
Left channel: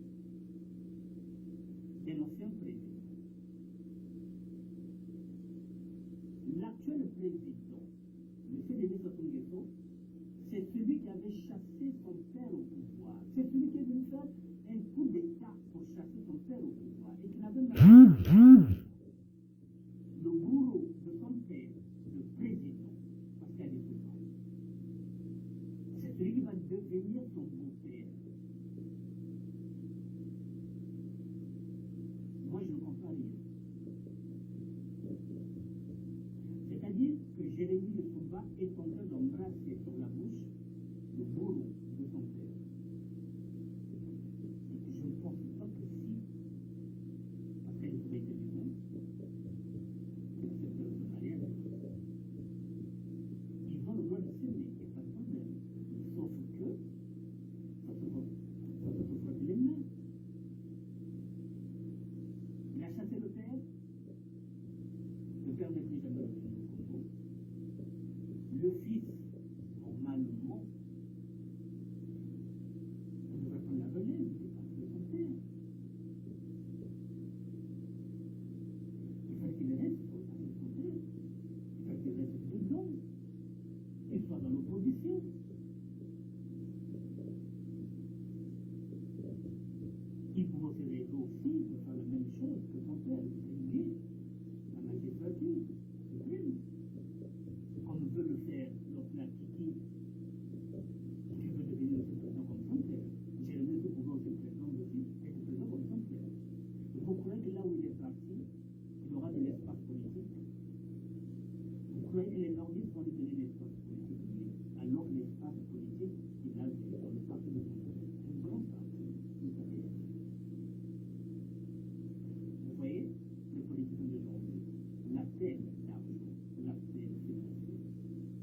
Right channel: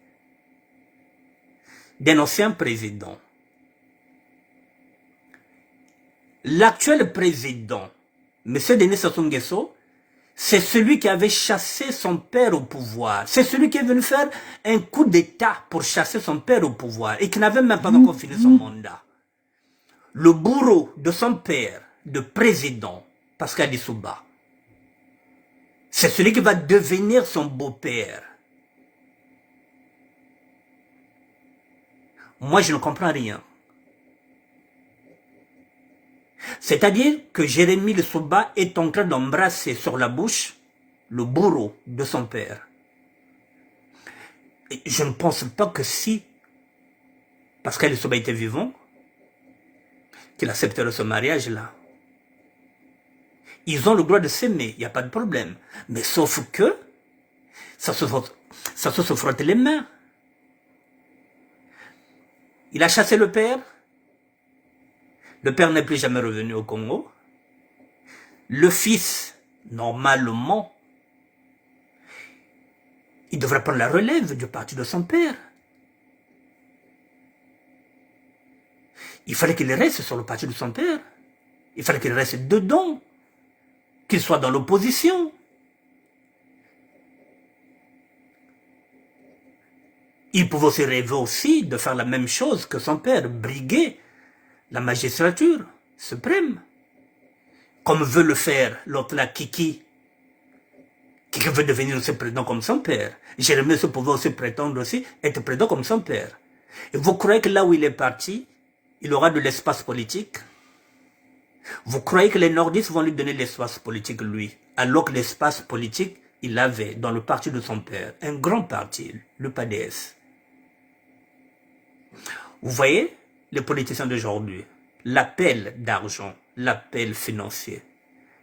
d'un ancien président, l'actuel président, M. Denis Sassou Nguesso, c'est celui qui avait chassé son père au pouvoir. C'est celui qui est venu faire un coup d'État pour chasser son père au pouvoir et qui n'avait même pas encore fini son mandat. Le bourreau de son père, de président, Pascal Lissouba, c'est celui qui va devenir son beau-père. Moi, je ne comprends rien. C'est-à-dire que Jérémie Lissouba est en train d'embrasser sur la bouche le bourreau de son père. Et je ne pense pas que si Pascal Lissouba était vivant, qu'il accepterait ce mariage-là. Ils ont le droit de s'aimer, il n'y a pas de problème. Mais sauf que ça se frotte les mains. Il a chassé le père. Le père n'est plus jamais revenu au Congo. Le fils, normalement, il devrait prendre la relève du parti de son père. Il fallait qu'il reste sur le parti de son père. Il fallait qu'il reste dedans. Qu'il soit dans l'opposition. Il pouvait aussi rêver aussi de faire la même chose que son père, briguer la magistrature suprême. Comme veut le faire l'autre là, Kiki. Kiki veut devenir aussi président comme son père. Jérémie pouvait aussi prétendre aussi être président comme son père. Et vous croyez que là où il est parti, il aura de l'espace politique? Vous croyez que les nordistes vont lui donner l'espace politique, lui, alors que l'espace politique, il avait dans le parti de son père, un grand parti, le PADS. Vous voyez, les politiciens d'aujourd'hui, l'appel d'argent, l'appel financier.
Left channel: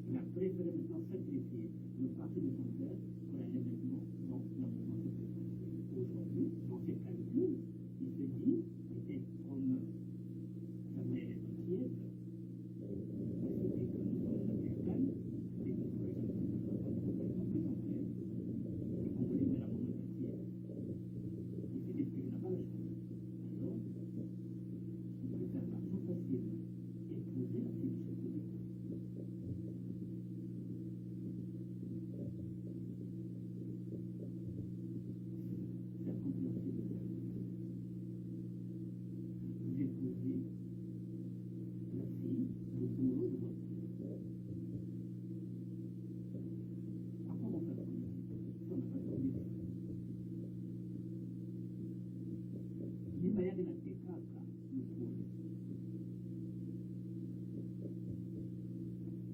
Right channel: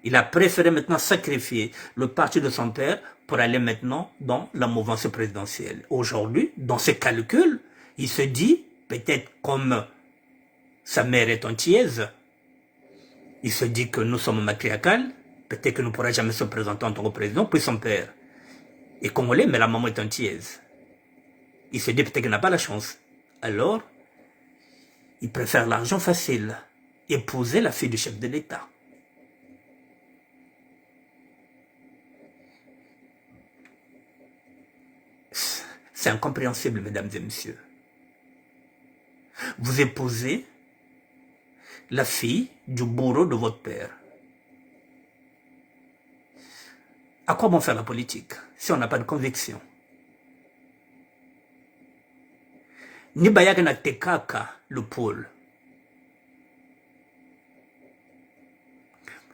Il a préféré maintenant sacrifier le parti de son père pour aller maintenant dans la mouvance présidentielle. Aujourd'hui, dans ses calculs, il se dit, peut-être comme sa mère est antillaise, il se dit que nous sommes matriarcales, peut-être que nous ne pourrons jamais se présenter en tant que président, puis son père est congolais, mais la maman est antillaise. Il se dit peut-être qu'il n'a pas la chance. Alors, il préfère l'argent facile, épouser la fille du chef de l'État. C'est incompréhensible, mesdames et messieurs. Vous épousez la fille du bourreau de votre père. À quoi bon faire la politique si on n'a pas de conviction? Ni bayaka na tekaka le pôle.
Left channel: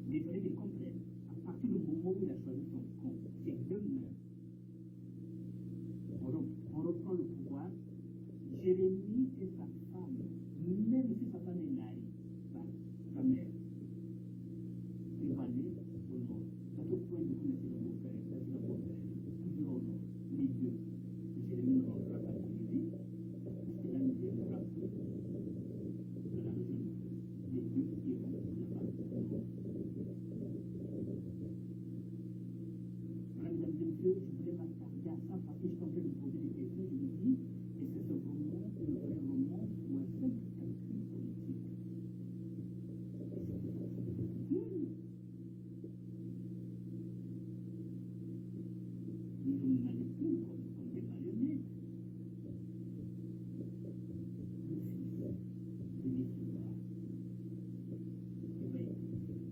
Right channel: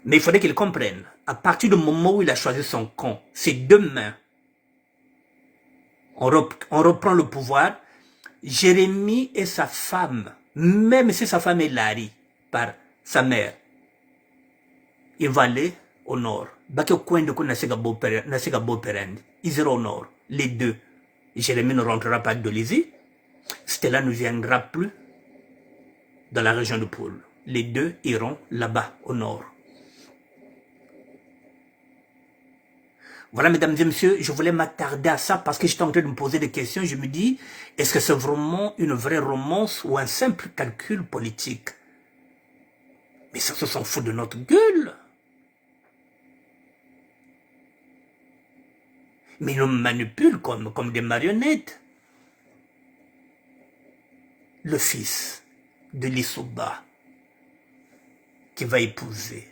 Mais il faudrait qu'il comprenne, à partir du moment où il a choisi son camp, c'est demain, on reprend le pouvoir. Jérémie et sa femme, même si sa femme est Larry par sa mère, il va aller au nord. Ils iront au nord, les deux. Jérémie ne rentrera pas de Lizy. Stella ne viendra plus dans la région de Poul. Les deux iront là-bas, au nord. Voilà, mesdames et messieurs, je voulais m'attarder à ça parce que j'étais en train de me poser des questions. Je me dis, est-ce que c'est vraiment une vraie romance ou un simple calcul politique? Mais ça se s'en fout de notre gueule. Mais ils nous manipulent comme des marionnettes. Le fils de Lissouba qui va épouser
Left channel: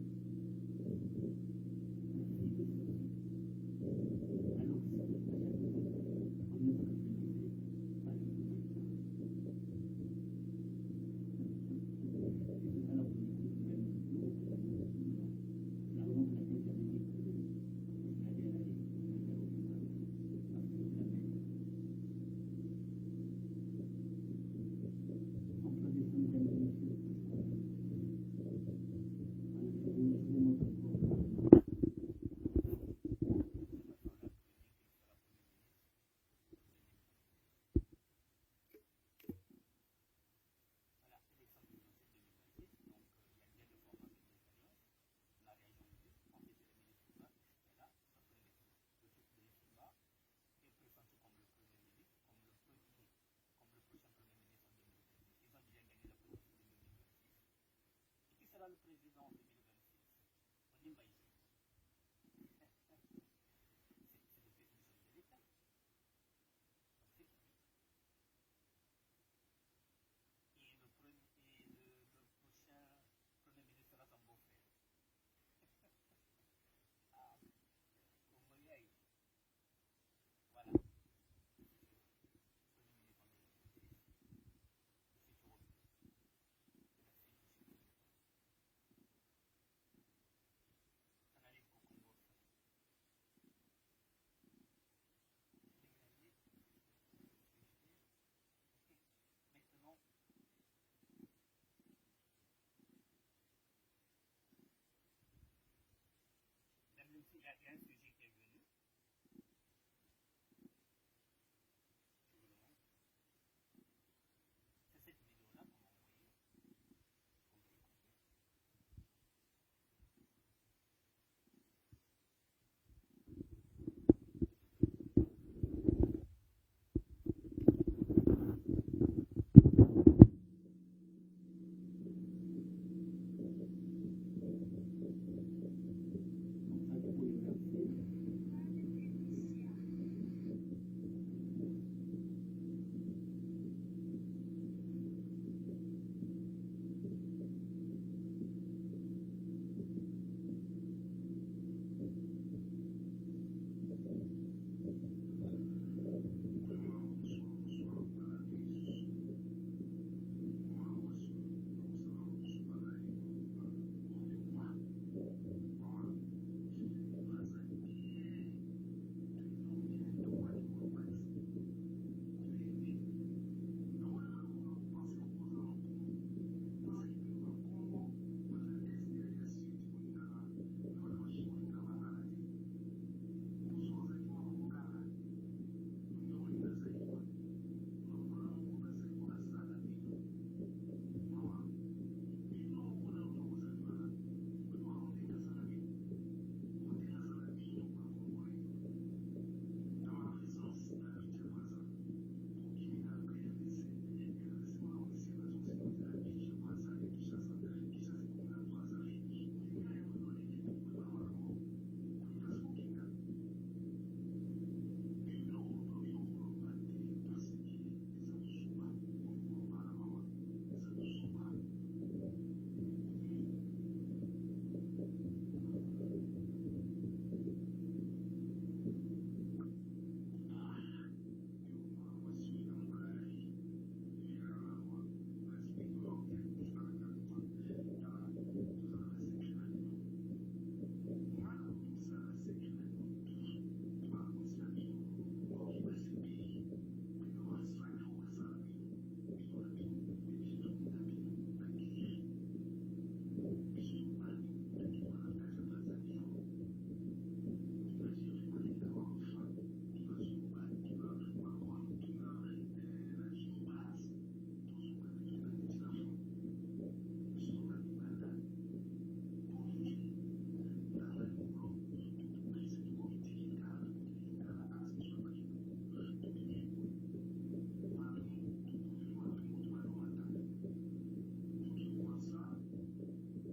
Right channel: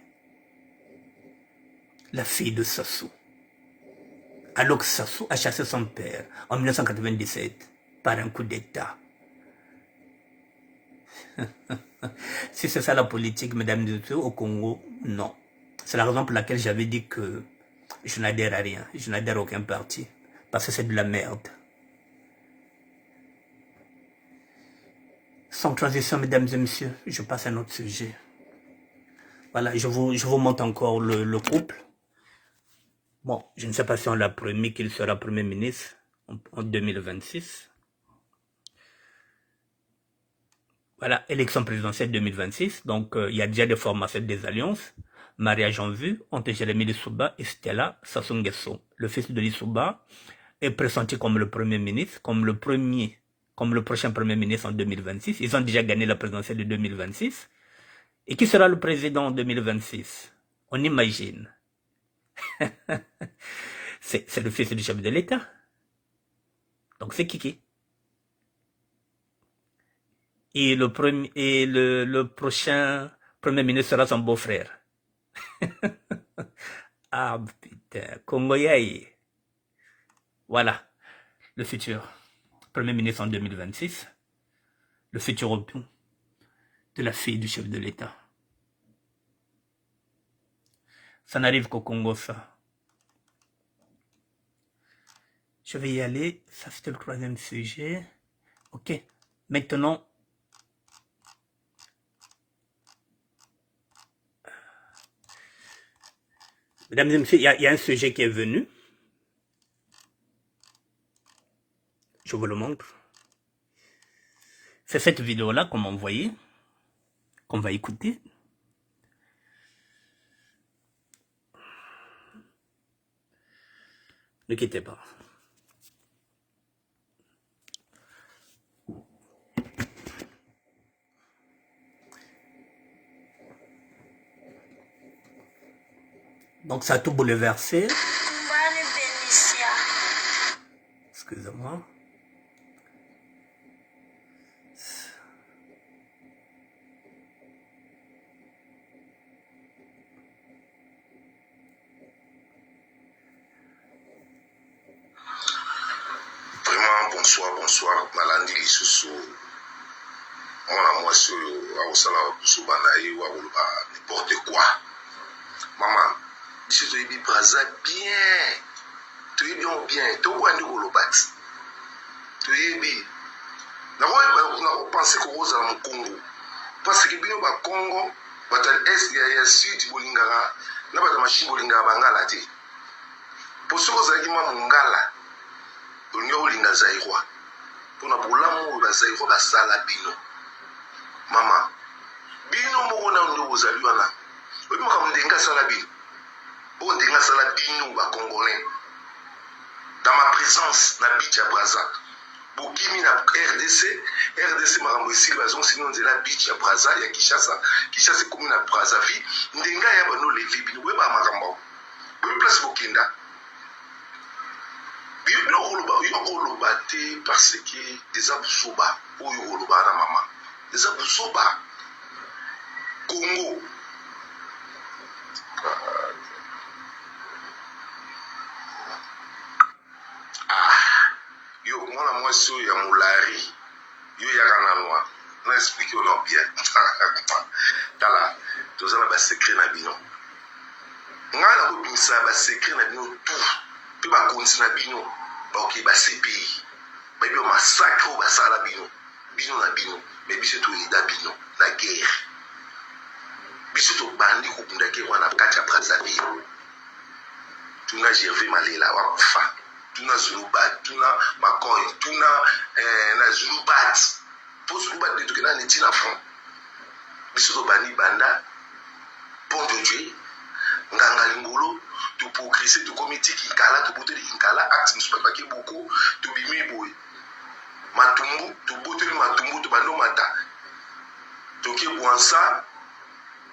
la fille de Sassou. Alors que Sassou a chassé son père en 1997 par un coup d'État. Si c'est ça la politique, mesdames et messieurs, au Congo, non. C'est la raison pour laquelle j'avais dit que je n'adhère à rien. Je n'adhère à aucun parti. Parce que c'est de la merde. Sans transition, mesdames et messieurs, je passe à un autre sujet. Voilà, je vous montre encore le couple. Bon, je ne sais pas si on l'a promis qu'il sera Premier ministre en 2026. Voilà, élection présidentielle 2026. Donc, il y a déjà des formations des alliances. Mariage en vue entre Jérémy Lissouba et Stella Sassou Nguesso. Le fils de Lissouba est pressenti comme le Premier ministre, comme le prochain Premier ministre en 2026. Ils ont déjà gagné la présidentielle de 2026. Et qui sera le président en 2026? On imagine. C'est le fils du chef de l'État. Donc c'est Kiki. Et le prochain Premier ministre sera son beau-frère. Ah putain, Congoyaï. Voilà, le futur Premier ministre en 2026. Le futur époux de la fille du chef de l'État. Ça n'arrive qu'au Congo, ça. Je vais y aller. Ça, c'était le troisième sujet. Ok. Maintenant, mesdames et messieurs, il y a un sujet qui est venu. Je vous le montre. C'est cette vidéo-là qu'on m'a envoyée, qu'on va écouter. Ne quittez pas. Donc ça a tout bouleversé. Excusez-moi. Vraiment, bonsoir. Malandi Lisusu. On a moi sur Aosala Subanaï ou n'importe quoi. Maman, si tu es bien, tu es bien, tu es bien, tu es bien. D'abord, on pense qu'on est au Congo. Parce que bien au Congo, est il y a sud Bolingara, là bas machine Bolingara Bangala ti. Pour ce que ça Mongala, Bolingara Bolinga Zaïrois. Pour na bolamu ba Zaïrois ba sala bino. Maman, bino mo na ndo ozaliwa na. Obi mo ka ndenga sala bino. Bon ndenga sala bino ba Congolais. Dans ma présence na Bicha Braza. Bokimi na RDC makambo esili bazon sinon nzela Bicha Braza ya Kinshasa komi na Brazzaville ndenga ya bano levi bino boye ba makambo boye place bokenda bino oloba te parce que eza busoba oyo oloba na mama eza busoba Congo yo mwana mwasi oyo ya molari yo yaka na noa na explique ono bien tala toza na basekret na bino ngai na kobimisa basekret na bino tout mpe bakonzi na bino baoke basepi bayebi masacre oyo basala bino na bino me biso toyida bino na guerre biso tobandi kokunda ke wana kati ya Brazzaville tuna Gervais Malela wakufa tuna Zulubat, tuna Makoy, tuna na Zulubat. Pour Zulubat, de tout cas, on est à fond. Biso bani banda, bon de Dieu, nganga lingolo, tout pour bise to comité kinkala to bote kinkala acte musupa paki boko to bimi boy matumbu to bote matumbu to bando mata to ke bwansa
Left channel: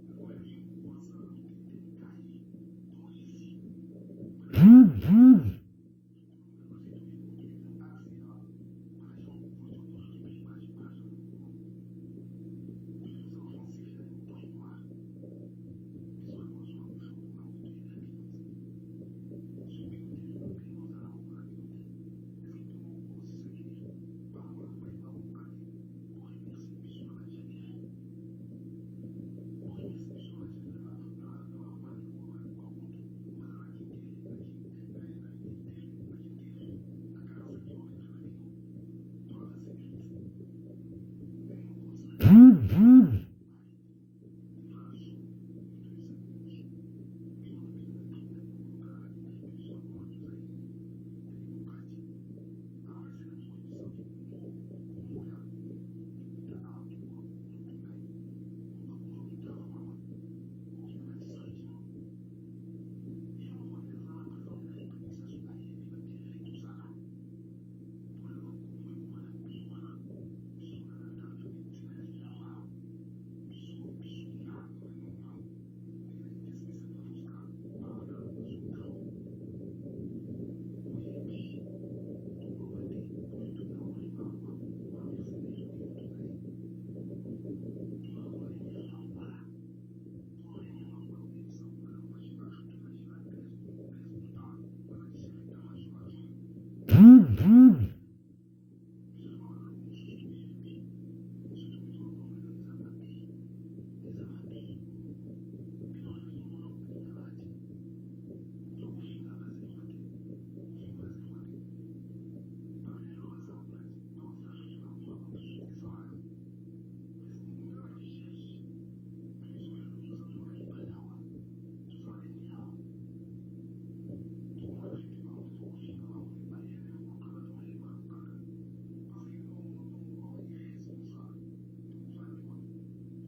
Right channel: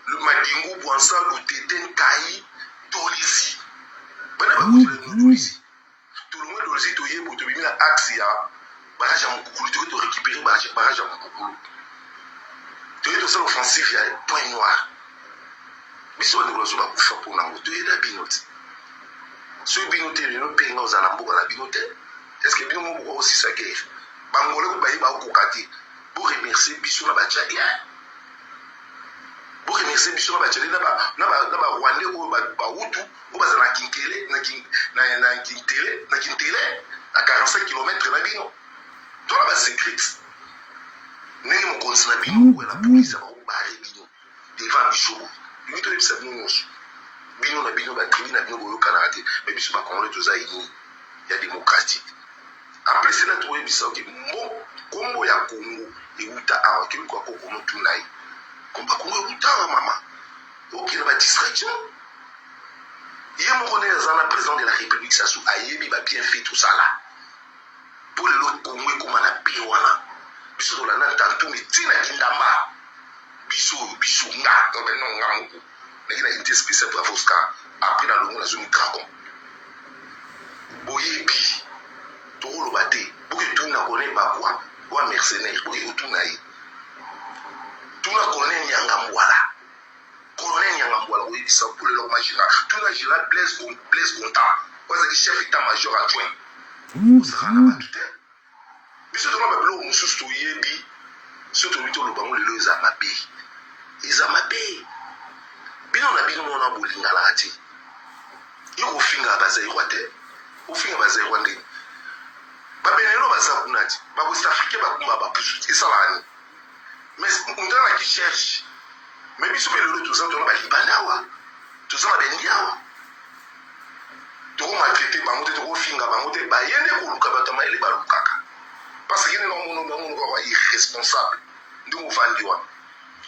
le madingu bwansa le teten kai dolisi bana ba dolisi tout le monde dolisi to yebo to bimi na acte ya barrage à Mukulu to récupérer barrage à Mukulu to ça l'offensif ya point noir biso de lozo ba kufa pour na moto et la binote so binote le no penga aux alambo la binote est-ce que bino mo aussi ça guerre bangole ko bayi ba ko kati pour remercier biso na ba tchadia pour remercier biso na ba tchadia na ba rwandais ko ba wutu ko ba zana kinkele na kintele à 45 km na bino to la ba secret nini mo konsina bino ko la police ba ko ba bino devant biso bino to bisa bino na bino ba tribu na bino boyo kanate mais biso ba congolais to za ini ya démocratique après c'est là trouver bisa que mo kombo ya Congo euta awa ke ko ko mo tunai komba Congo euta mama ok na ba distraction il mo connaît za na président de la République ça sou ayebi ba bien fait tout ça là pour le Congo comme na biwana biso to la na tantu mitina kindamba biso nga to ben non nga mais il a été spécial pour Fosca après dans le monde la zone dragon boyebi to lo bate pour que tout na connaît pas quoi ou mercenaire pour que tout naï tout na connaît nyanga mwala colonel nyanga mwala oui ça pour le magistrat tout na gira Blaise Contant parce que chef état-major adjoint sera là bas tout biso to ba blo mususu to yebi surtout to lo bango le zamabe izamabe bino na bino mona bolinga la ati yiko finga bazai kwate ufinga bazai kwande babenelo bazakunati ba West Afrique ba kuma ba pusu isalani mais undana ki cherche mais biso pele to zanto na ba libanawa to zama bendiawa to ma traité ba mote to finga ba mote ba yende ko luka ba tama ile ba lukaka parce que no mono ko irresponsable ndu vandiwa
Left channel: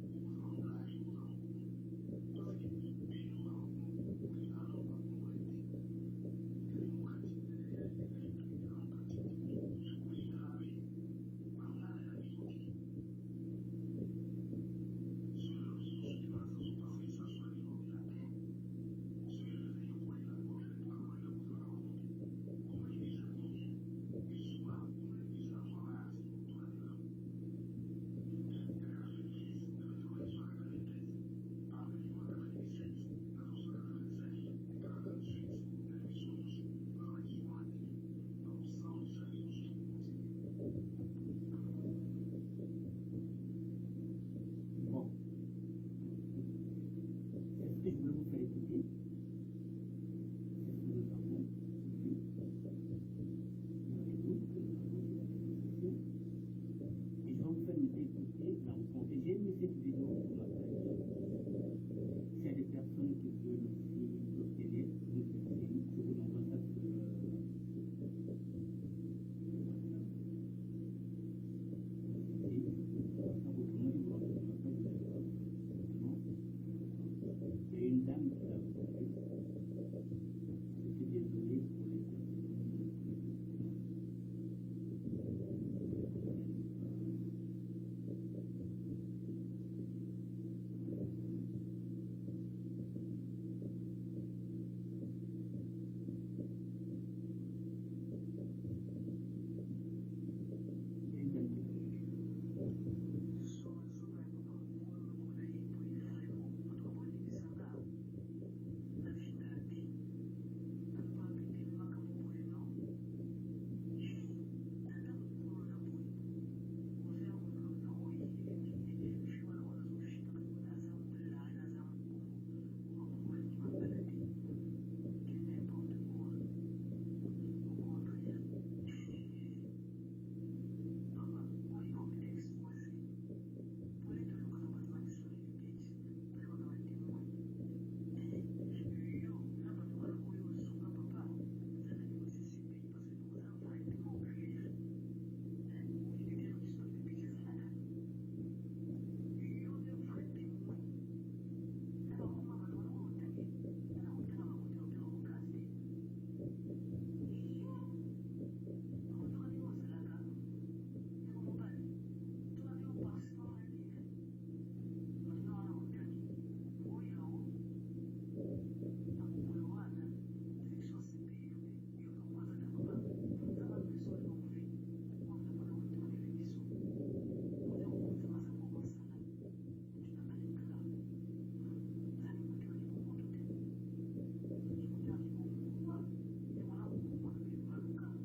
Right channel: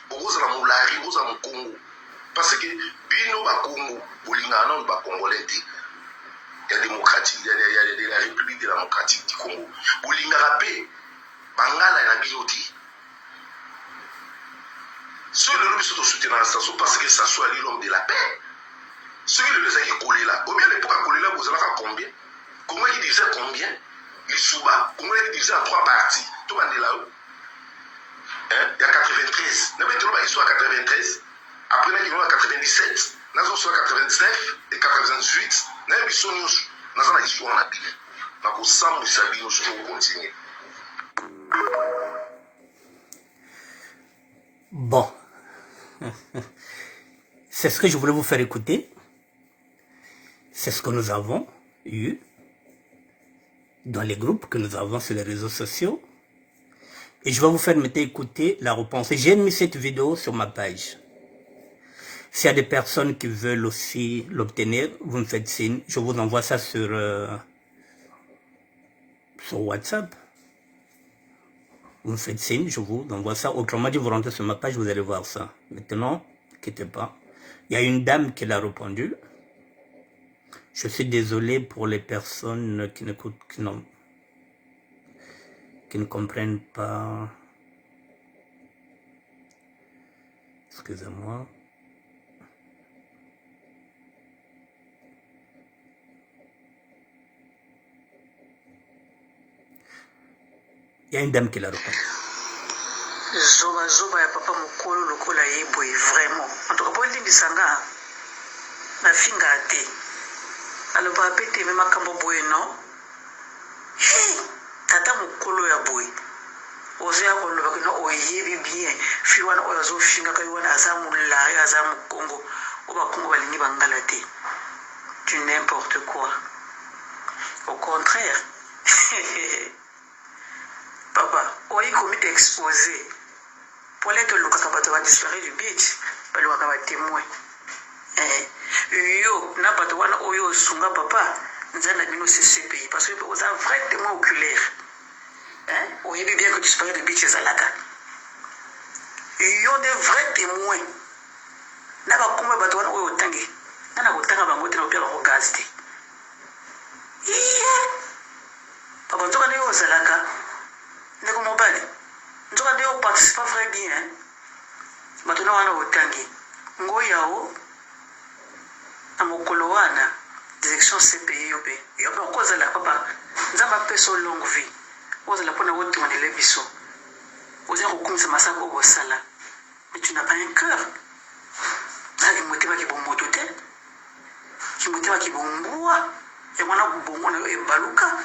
okoza na mulari okoza na Congo parce que bino ba Congo bolingana ba Congolais il y a démocratique il y a la République démocratique du Congo bolingana pe bangala na bioti ceux le lobby sont soutenir la station parce que ça soit l'homme de la paix ceux qui le qui collé là combien l'époque à coller là vous allez faire combien comment il disait combien les souba comment il disait en 3 parties tout le monde là il y a 93 n'a pas été là ils sont à 93 après ils vont à 97 nous sommes à 99 et 98 nous sommes dans la histoire la Bible donc ensemble nous savons continuer. Bon, c'est ce que je voulais vous faire écouter. C'est ce que nous avons eu dans les groupes que nous avons sur les réseaux sociaux. Et je vais vous faire maintenant écouter la réponse. J'ai mis cette vidéo sur ma page. S'il y a des personnes qui veulent aussi l'obtenir, vous me faites signe. Je vous envoie ça sur WhatsApp. Vous me faites signe, je vous envoie ça. Autrement dit, vous rentrez sur ma page, vous allez voir ça. Maintenant, ne quittez pas. Il y a une dame qui l'a répondu. Je suis désolé pour les personnes qui n'écoutent, qui ne comprennent pas. Excusez-moi. Il y a une dame qui l'a répondu. Zoba ya papa mokolo lokola yeboy vraiment. En tout cas, pour le disanga na finga te. Alors ba pete me makambo boy non. Hey, tata mokolo ya boy. Ozea ko lo bakino oyebi bien. Fi wana ozo finga kai wana azamu la azamu Congo. Oba Congo balingi bangala te. Tu n'importe quoi. Au contraire. Papa, on est commis exposé. Pour les que le cacabato va disparaître du beach, pas le cacabat témoin. Yo, n'a pas de one oyo sunga papa, nous avons mis ce pays parce que vous avez un vrai témoin oculaire. On est bien que disparaît du beach, Zalaka. Yo, des vrais témoins. N'a pas comme bateau oyo tangi. N'a pas autant à bangoter au pire au gaz. yao na mokolo wana direction CPI yo pe yo pe kozala papa nzamba peso longue vie kozala pona wote wanele biso oza kokumisa masako obosala mais tu n'as pas un cœur ali motema ki bomoto te ki motema ki bombua ya mwana bongo na yo ebaluka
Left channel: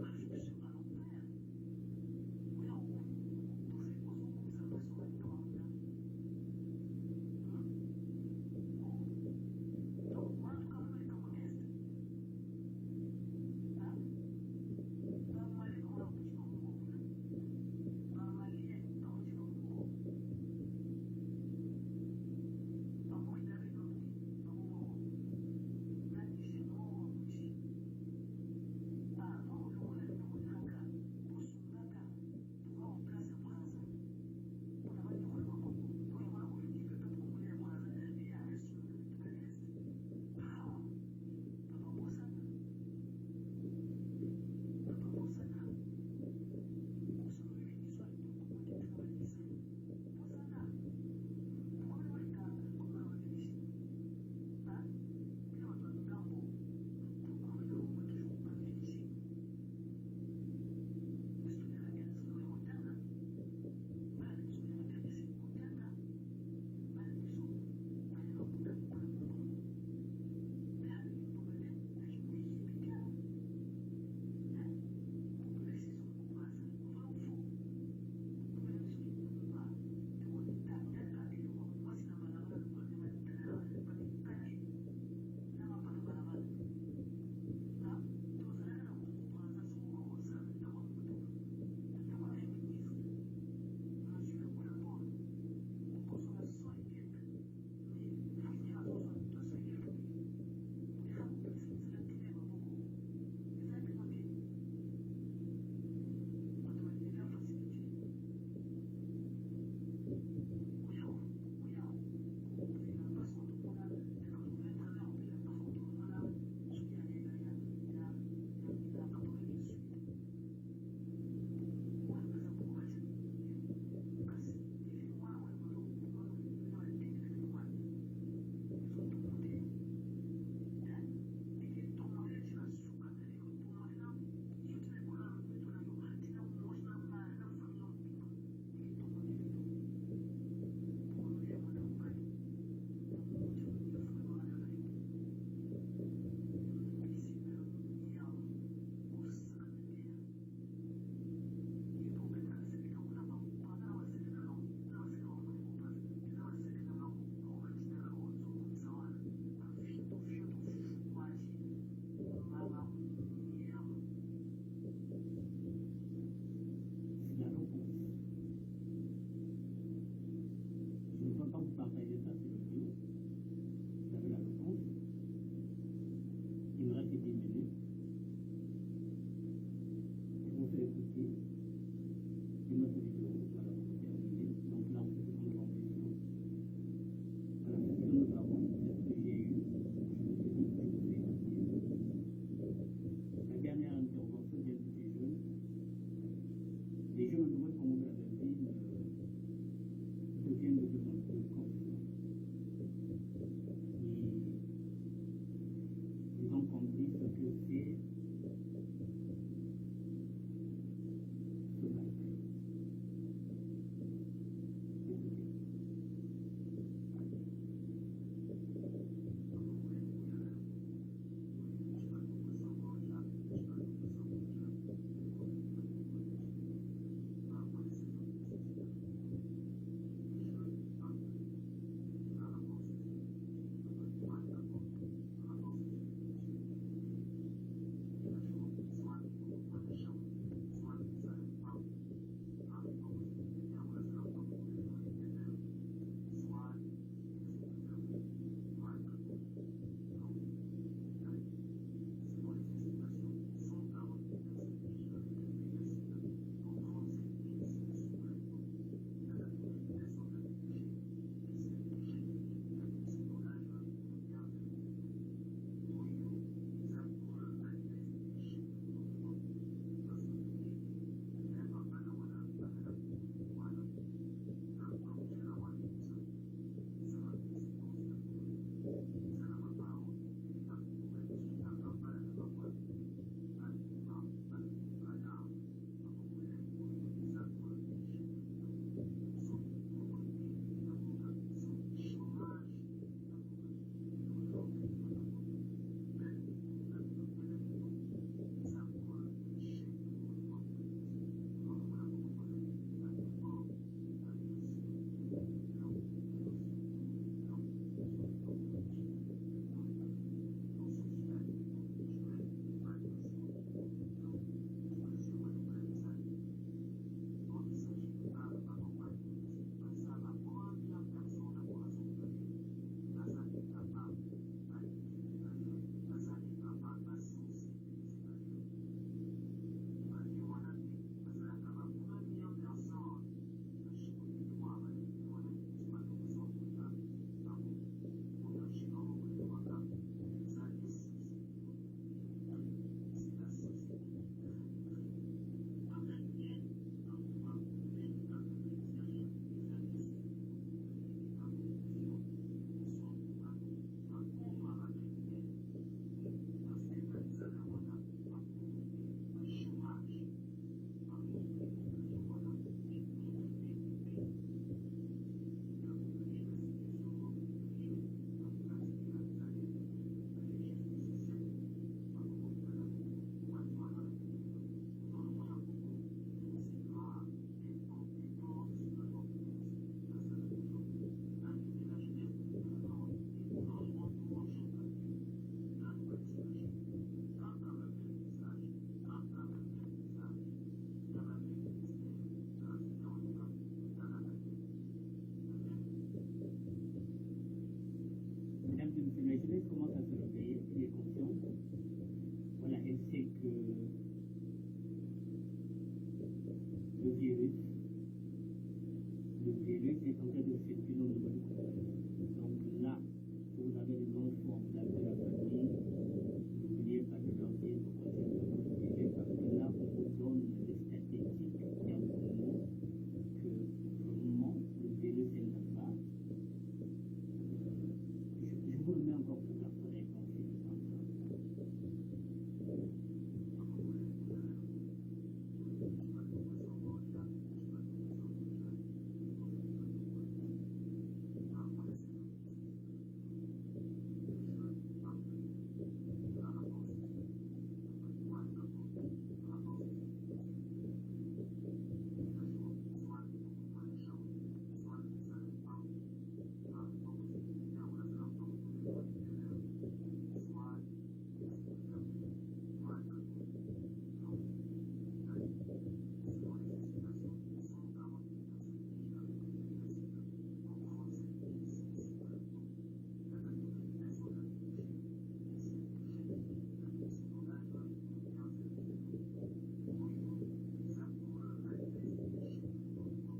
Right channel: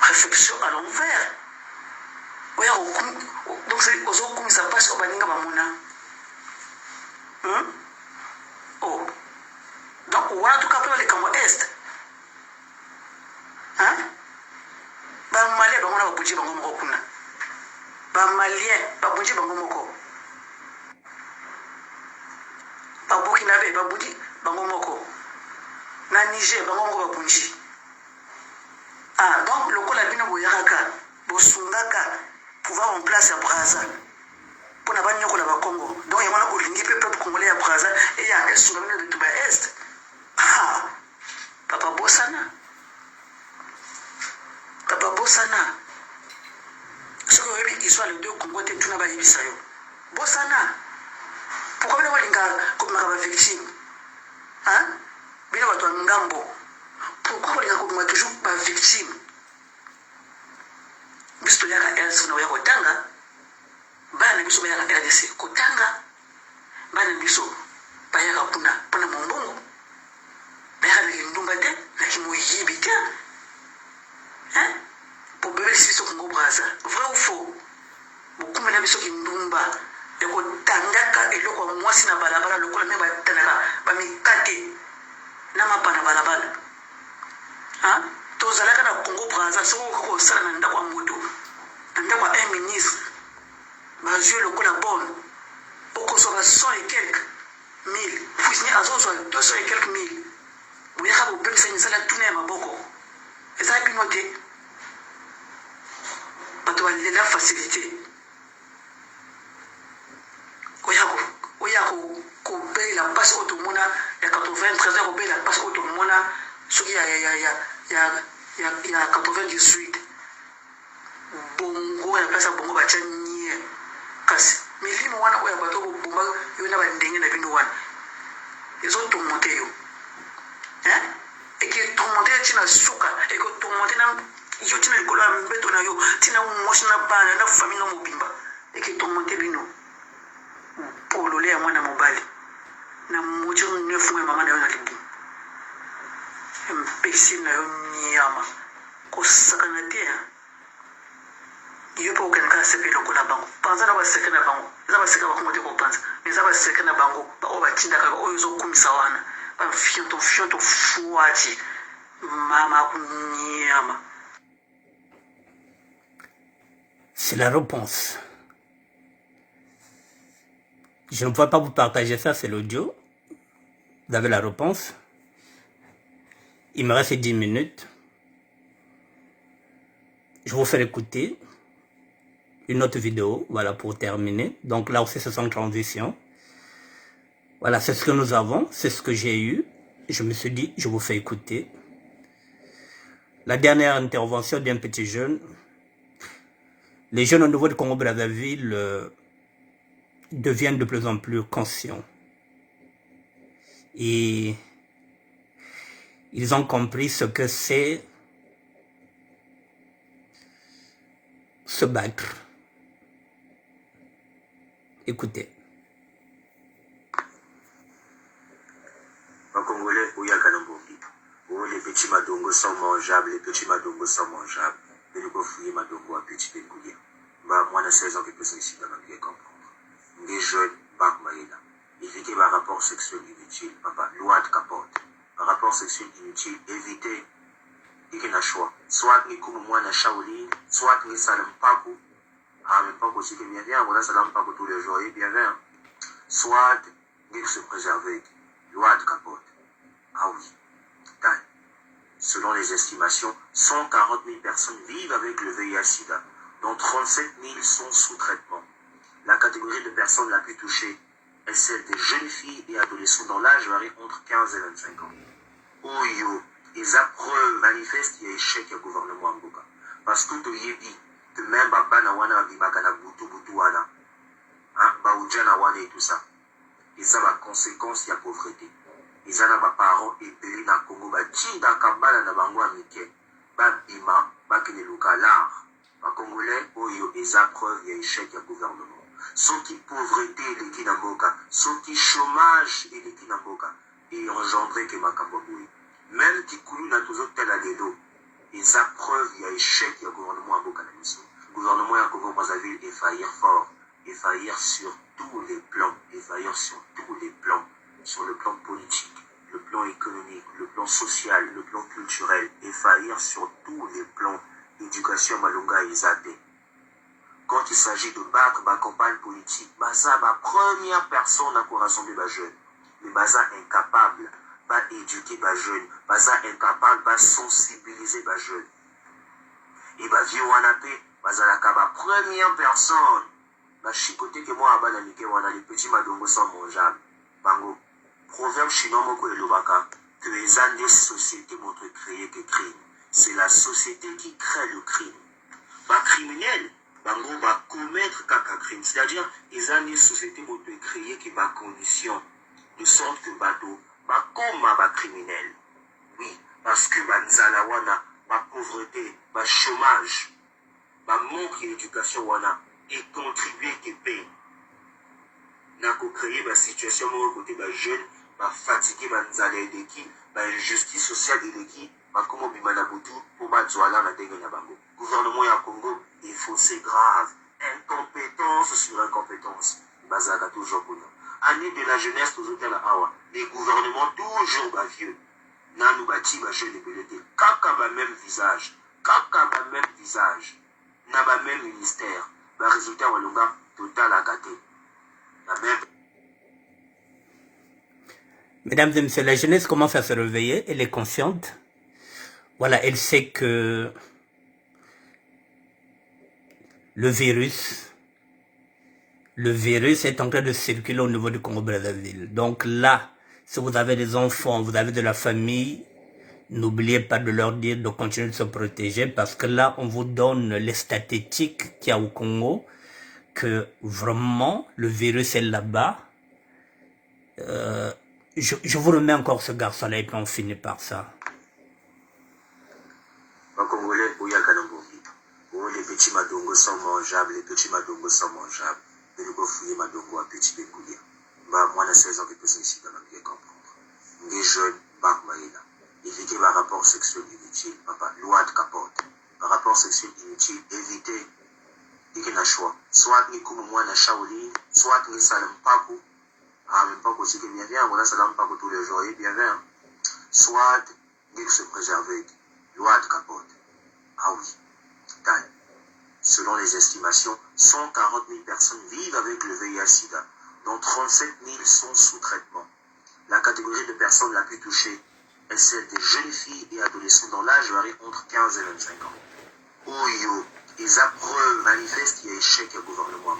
réflexion à l'envers oya donc c'est ozokumisa pasi o baninga bamona oh donc wana tukapela likambo est bamalien bango na babunji bango moko kuna bamalien babunji bango moko babukinabe babunji bango moko na Niger bango moko babunji donc lokola bino boyakaka bosungaka pouvoir en place ya Braza mpona banyokola bakongo donc yango wana olingi mpe peuple congolais ya Braza eya esunga bino betu ba est papa bosana soki oyebi histoire les deux Congo te tuna bayebisa yo bosana pourquoi bino bolinga kobimaka bavictime bino bato ya ngambo pourquoi bolinga kobimaka toujours bavictime biso toyaka else na oya kotanga bana biso bayaka RDC kotanga bana biso bayaka mpona mombongo bayaka na kindumba te na kimoyibi te po bebelisi biso Congo Braza vrai ou faux bokumela biso kindumba ekotangaka eloko ya mwasi na balabala lokola me batandaka bamikate na mapa na balabala tozalaka na Congo Braza soki okosala na ndako ya moto na ndako ya un ministre bazwi lokola bone okozwa ba 100 et quelques mille fuisini azozwa 200 et quelques mille boyaka bopemisa misala tuna ya maboko eza bino te bato balela facilité oya kobelela mpasi oyo tomona ya 93 ya kobelela mpasi oyo tomona soki ya 98 bongo ya place ya bongo batya nie kasi milimo wana oyo bato bobomba yo na bandenge na bino wana ezotomonte yo eketomonte yo ntina suka eketomonte yo ntina likolo ya mbeto na yo ntina mwasi na bana na famille na mobimba eketomonte bino polole ya mwana mobali na moto 9 ya mama na yo na libu mpesi na yo nyama kosakana te yo mpe okendaka sepe lokola bango panza na baseke na bango eza baseke bakongo te kopanza eza baseke na bango oyo batindaka oyo ezokumisa wana bafionto fuati mama kunyama. C'est la réponse. Je ne peux pas vous partager ça, c'est l'audio. Vous avez la réponse. Il me reste 10 minutes. Je vous fais écouter une autre vidéo, voilà, pour terminer. Donc là aussi, c'est sans transition. Voilà, c'est ce que nous avons, c'est ce que j'ai eu. Je me suis dit, je vous fais écouter la dernière intervention d'un petit jeune. Les jeunes au niveau de Congo-Brazzaville deviennent de plus en plus conscients. Et ils ont compris ce que c'est se battre. Écoutez. En Congolais, où il y a Kanamboki, où les petits madongos sont mangeables, les petits madongos sont mangeables. Mais le coffre madongo a petit pécoulier. Bah, moi, dans 16 ans, que peut ici, dans le comprendre. Des jeunes, pas moyens. Il fait qu'il y a un rapport sexuel inutile, papa, loi de capote. Un rapport sexuel inutile, éviter, il y a un choix. Soit, il y a un Shaolin, soit, il y a un pago. Ah, mais pas aussi que bien bien, voilà, ça n'a pas tous les jours, et bien bien. Soit, il se préserver. Loi de capote. Ah oui, taille. Selon les estimations, 140 000 personnes vivent avec le VIH-Sida, dont 37 000 sont sous traitement. La catégorie de personnes la plus touchée est celle des jeunes filles et adolescents dont l'âge varie entre 15 et 25 ans. Oh yo, ils appreuves manifestent et échec au gouvernement Mboka. Parce que tout y dit, de même Baba na wana bibaka na butu wana, Baoudja na wana et tout ça. eza baconséquence ya pauvreté. Eza na baparent ebele na Congo batindaka bana na bango ya mike babima bakende luka l'art. Bakongolais oyo eza preuve ya échec ya gouvernement. Soki pauvreté eleki na mboka, soki chômage eleki na mboka, et engendré ke makambo boye. Même tikulu na tozotala lelo, eza preuve ya échec ya gouvernement ya mboka na biso. Gouvernement ya Congo Brazzaville faillir fort, faillir sur tous les plans, faillir sur tous les plans, sur le plan politique, le plan économique, le plan social, le plan culturel, faillir sur tous les plans. L'éducation malonga ezate. Quand il s'agit de battre ma campagne politique, baza ma première personne à rassembler ma jeune. Mais baza incapable, pas éduquer ma jeune, baza incapable, pas sensibiliser ma jeune. Et bah vieux wanape, baza la ma première personne. Bah chicoté que moi abana nike wana les petits madongo sont mangeables. Bango. Proverbe chinois moko elobaka que les années des sociétés montrent créer que crime. C'est la société qui crée le crime. Pas criminel, bango va commettre caca crime. C'est-à-dire, les années sociétés vont créer qui va condition de sorte que bateau va comme va criminel. Oui, parce que banzala wana, ma pauvreté, ma chômage, ma manque d'éducation wana et contribuer qui paye. N'a qu'au créer ma situation mon côté ma jeune, ma fatigué banzala et l'équipe, ma injustice sociale et l'équipe. Comment bimana butu pour batzoala na dengue na bango. Gouvernement ya Congo, il faut c'est grave. Incompétence sur incompétence. Bazaka toujours pour nous. Année de la jeunesse toujours dans la awa. Les gouvernements toujours bas vieux. Nanou bati ba jeune belete. Kaka ba même visage. Kaka ba même visage. Na ba même ministère. Ba résultat walonga total à gâté. La même. Mesdames et messieurs, la jeunesse commence à se réveiller. Elle est consciente. Voilà, elle sait que le virus est en train de circuler au niveau du Congo-Brazzaville. Donc là, si vous avez des enfants, vous avez de la famille, n'oubliez pas de leur dire de continuer de se protéger parce que là, on vous donne les statistiques qu'il y a au Congo, que vraiment, le virus est là-bas. Je vous remets encore ce garçon-là et puis on finit par ça. Les Congolais, les petits madongos sont mangeables, les petits madongos sont mangeables. Mais nous fouiller madongo à petits bécouliers. Bah, moi, la 16 ans que personne ici dans la vie comprendre. Les jeunes, bah, maïla. Éviter le rapport sexuel inutile, papa, loi de capote. Un rapport sexuel inutile, éviter. Et qu'il y a un choix. Soit ni comme moi, na Shaolin, soit ni salam pago. Ah, mais pas aussi que bien bien, voilà, salam pago tous les jours, et bien bien. Soit, il se préserver. Loi de capote. Ah oui, taille. Selon les estimations, 140 000 personnes vivent avec le VIH-Sida, dont 37 000 sont sous traitement. La catégorie de personnes la plus touchée est celle des jeunes filles et adolescents dont l'âge varie entre 15 et 25 ans. Oyo, les preuves manifestent l'échec du gouvernement.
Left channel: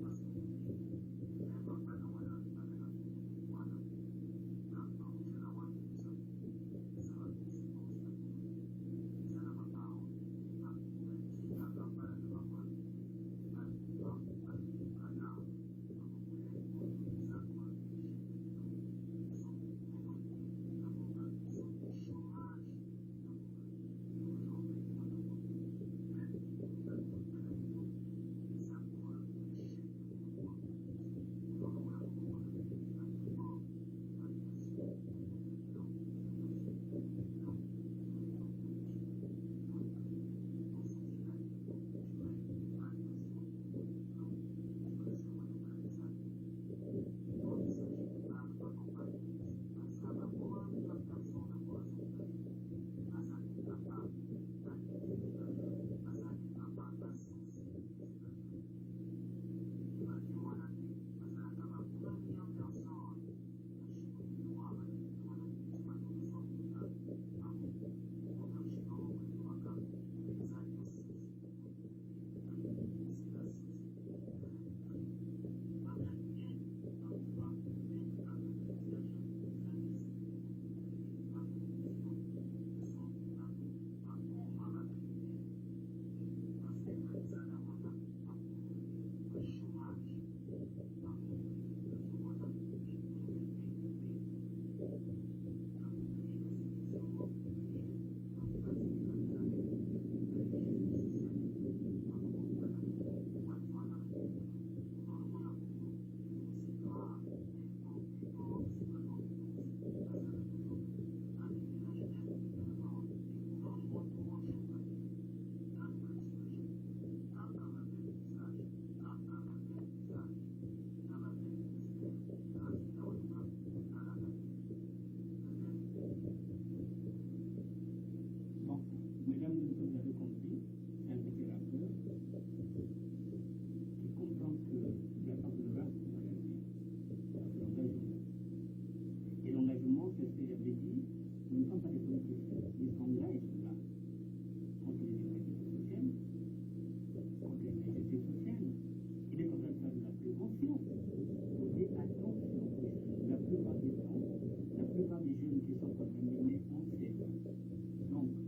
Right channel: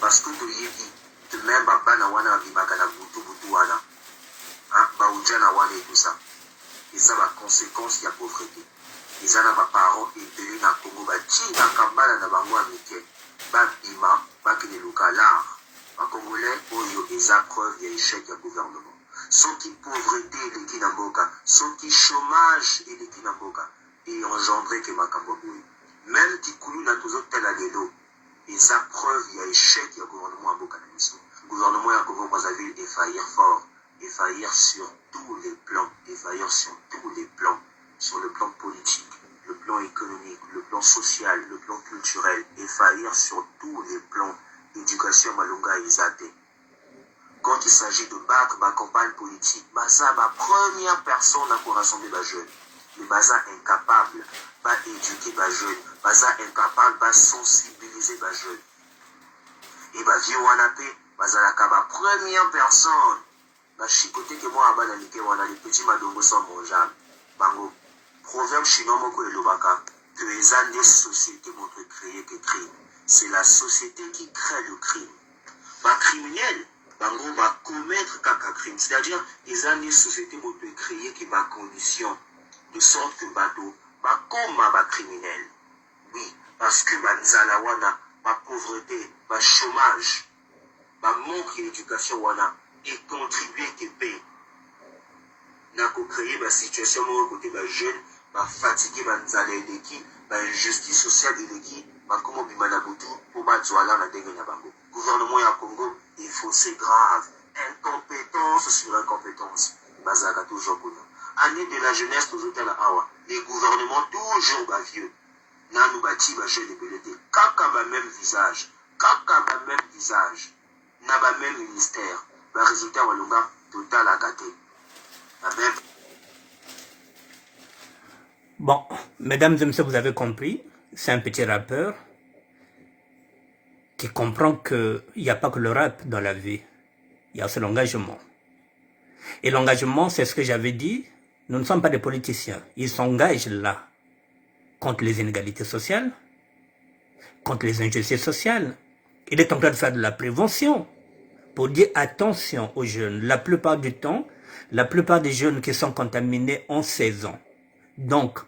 Parce que tu y dis, de même, Bana Wana Bimagana Boutou Boutouana, Baoudjana Wana et tout ça. Et ça va conséquence de la pauvreté. Les parents et na Congo batinda kambala na bango amike babima bakene luka l'art. En Congolais oyo eza preuve ya échec ya gouvernement. Soki pauvreté eleki na mboka, soki chômage eleki na mboka et engendré ke makambo boye. Même tikulu na tozotala lelo eza preuve ya échec ya gouvernement ya mboka na biso. Gouvernement ya Congo Brazzaville faillir fort, faillir sur tous les plans, faillir sur tous les plans. Sur le plan politique, le plan économique, le plan social, le plan culturel, et faillir sur tous les plans. Éducation malonga ezate. Quand il s'agit de battre ma campagne politique, baza ma première personne à rassembler ma jeune. Mais baza incapable, pas éduquer ma jeune, baza incapable, pas sensibiliser ma jeune. Et bah vieux wanape, baza la ma première personne. Bah chicoté que moi abana nike wana les petits madongo sont mangeables. Bango. Proverbe chinois moko elobaka que les années sociétés montrent créer que crime. C'est la société qui crée le crime. Pas criminel, bango va commettre caca crime. C'est-à-dire les années sociétés montrent créer qui va condition de sorte que bateau va comme va criminel. Oui, parce que banzala wana, ma pauvreté, ma chômage, ma manque d'éducation wana et contribuer qui paye. N'a qu'au créer la situation où côté les jeunes, fatigué, l'équipe, injustice sociale de l'équipe, comment bimana boutou, pour battre la dégaine à gouvernement à Congo, il faut c'est grave. Incompétence sur incompétence. Bazaka toujours pour nous. Année de la jeunesse, toujours à la Hawa. Les gouvernements toujours vieux. Nanou bati va jeu de BLT. Kaka ma même visage. Kaka ma même visage. N'a pas même ministère. Le résultat walunga total à gâter. La même. Bon, mesdames et messieurs, vous avez compris, c'est un petit rappeur qui comprend qu'il n'y a pas que le rap dans la vie. Il y a aussi l'engagement. Et l'engagement, c'est ce que j'avais dit, nous ne sommes pas des politiciens. Ils s'engagent là contre les inégalités sociales, contre les injustices sociales. Il est en train de faire de la prévention pour dire attention aux jeunes. La plupart du temps, la plupart des jeunes qui sont contaminés ont 16 ans. Donc,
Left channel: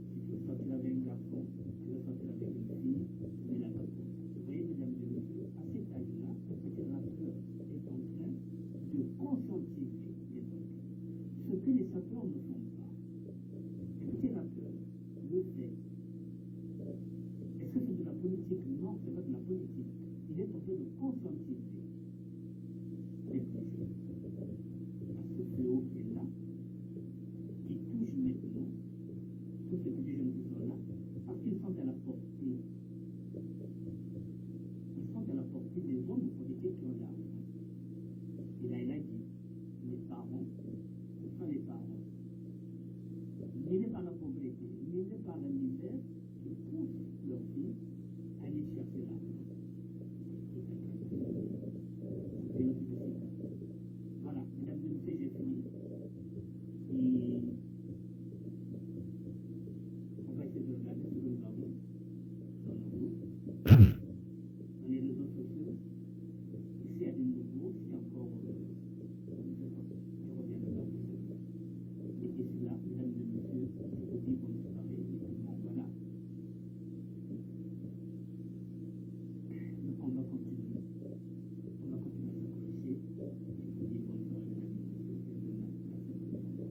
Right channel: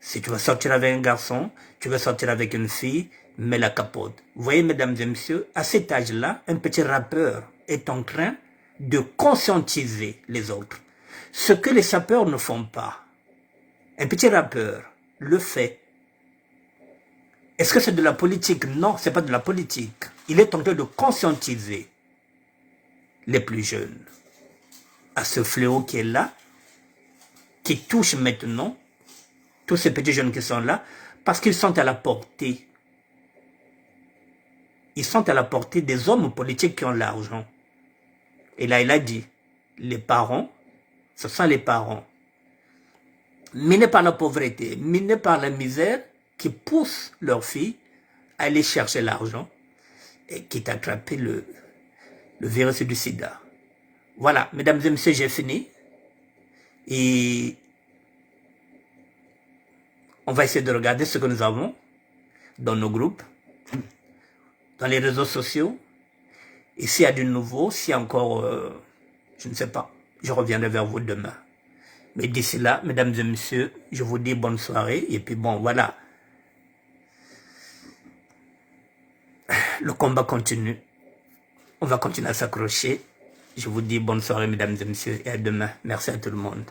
si tu vas sortir avec un garçon, tu vas sortir avec une fille, mets la capote. Vous voyez, mesdames et messieurs, à cet âge-là, un petit rappeur est en train de conscientiser les autres. Ce que les sapeurs ne font pas. Un petit rappeur le fait. Est-ce que c'est de la politique? Non, ce n'est pas de la politique. Il est en train de conscientiser les plus jeunes à ce fléau qui est là, qui touche maintenant tous ces petits jeunes qui sont là, parce qu'ils sont à la portée. Ils sont à la portée des hommes politiques qui ont l'argent. Et là, il a dit, les parents, ce sont les parents, minés par la pauvreté, minés par la misère, qui poussent leurs filles à aller chercher l'argent et qui t'attrapent le virus du sida. Voilà, mesdames et messieurs, j'ai fini. Et on va essayer de regarder ce que nous avons dans nos groupes, dans les réseaux sociaux. Et s'il y a du nouveau, s'il y a encore, je ne sais pas, je reviendrai vers vous demain. Mais d'ici là, mesdames et messieurs, je vous dis bonne soirée. Et puis bon, voilà. Le combat continue. On va continuer à s'accrocher. Je vous dis bonne soirée, mesdames et messieurs, et à demain. Merci à tout le monde.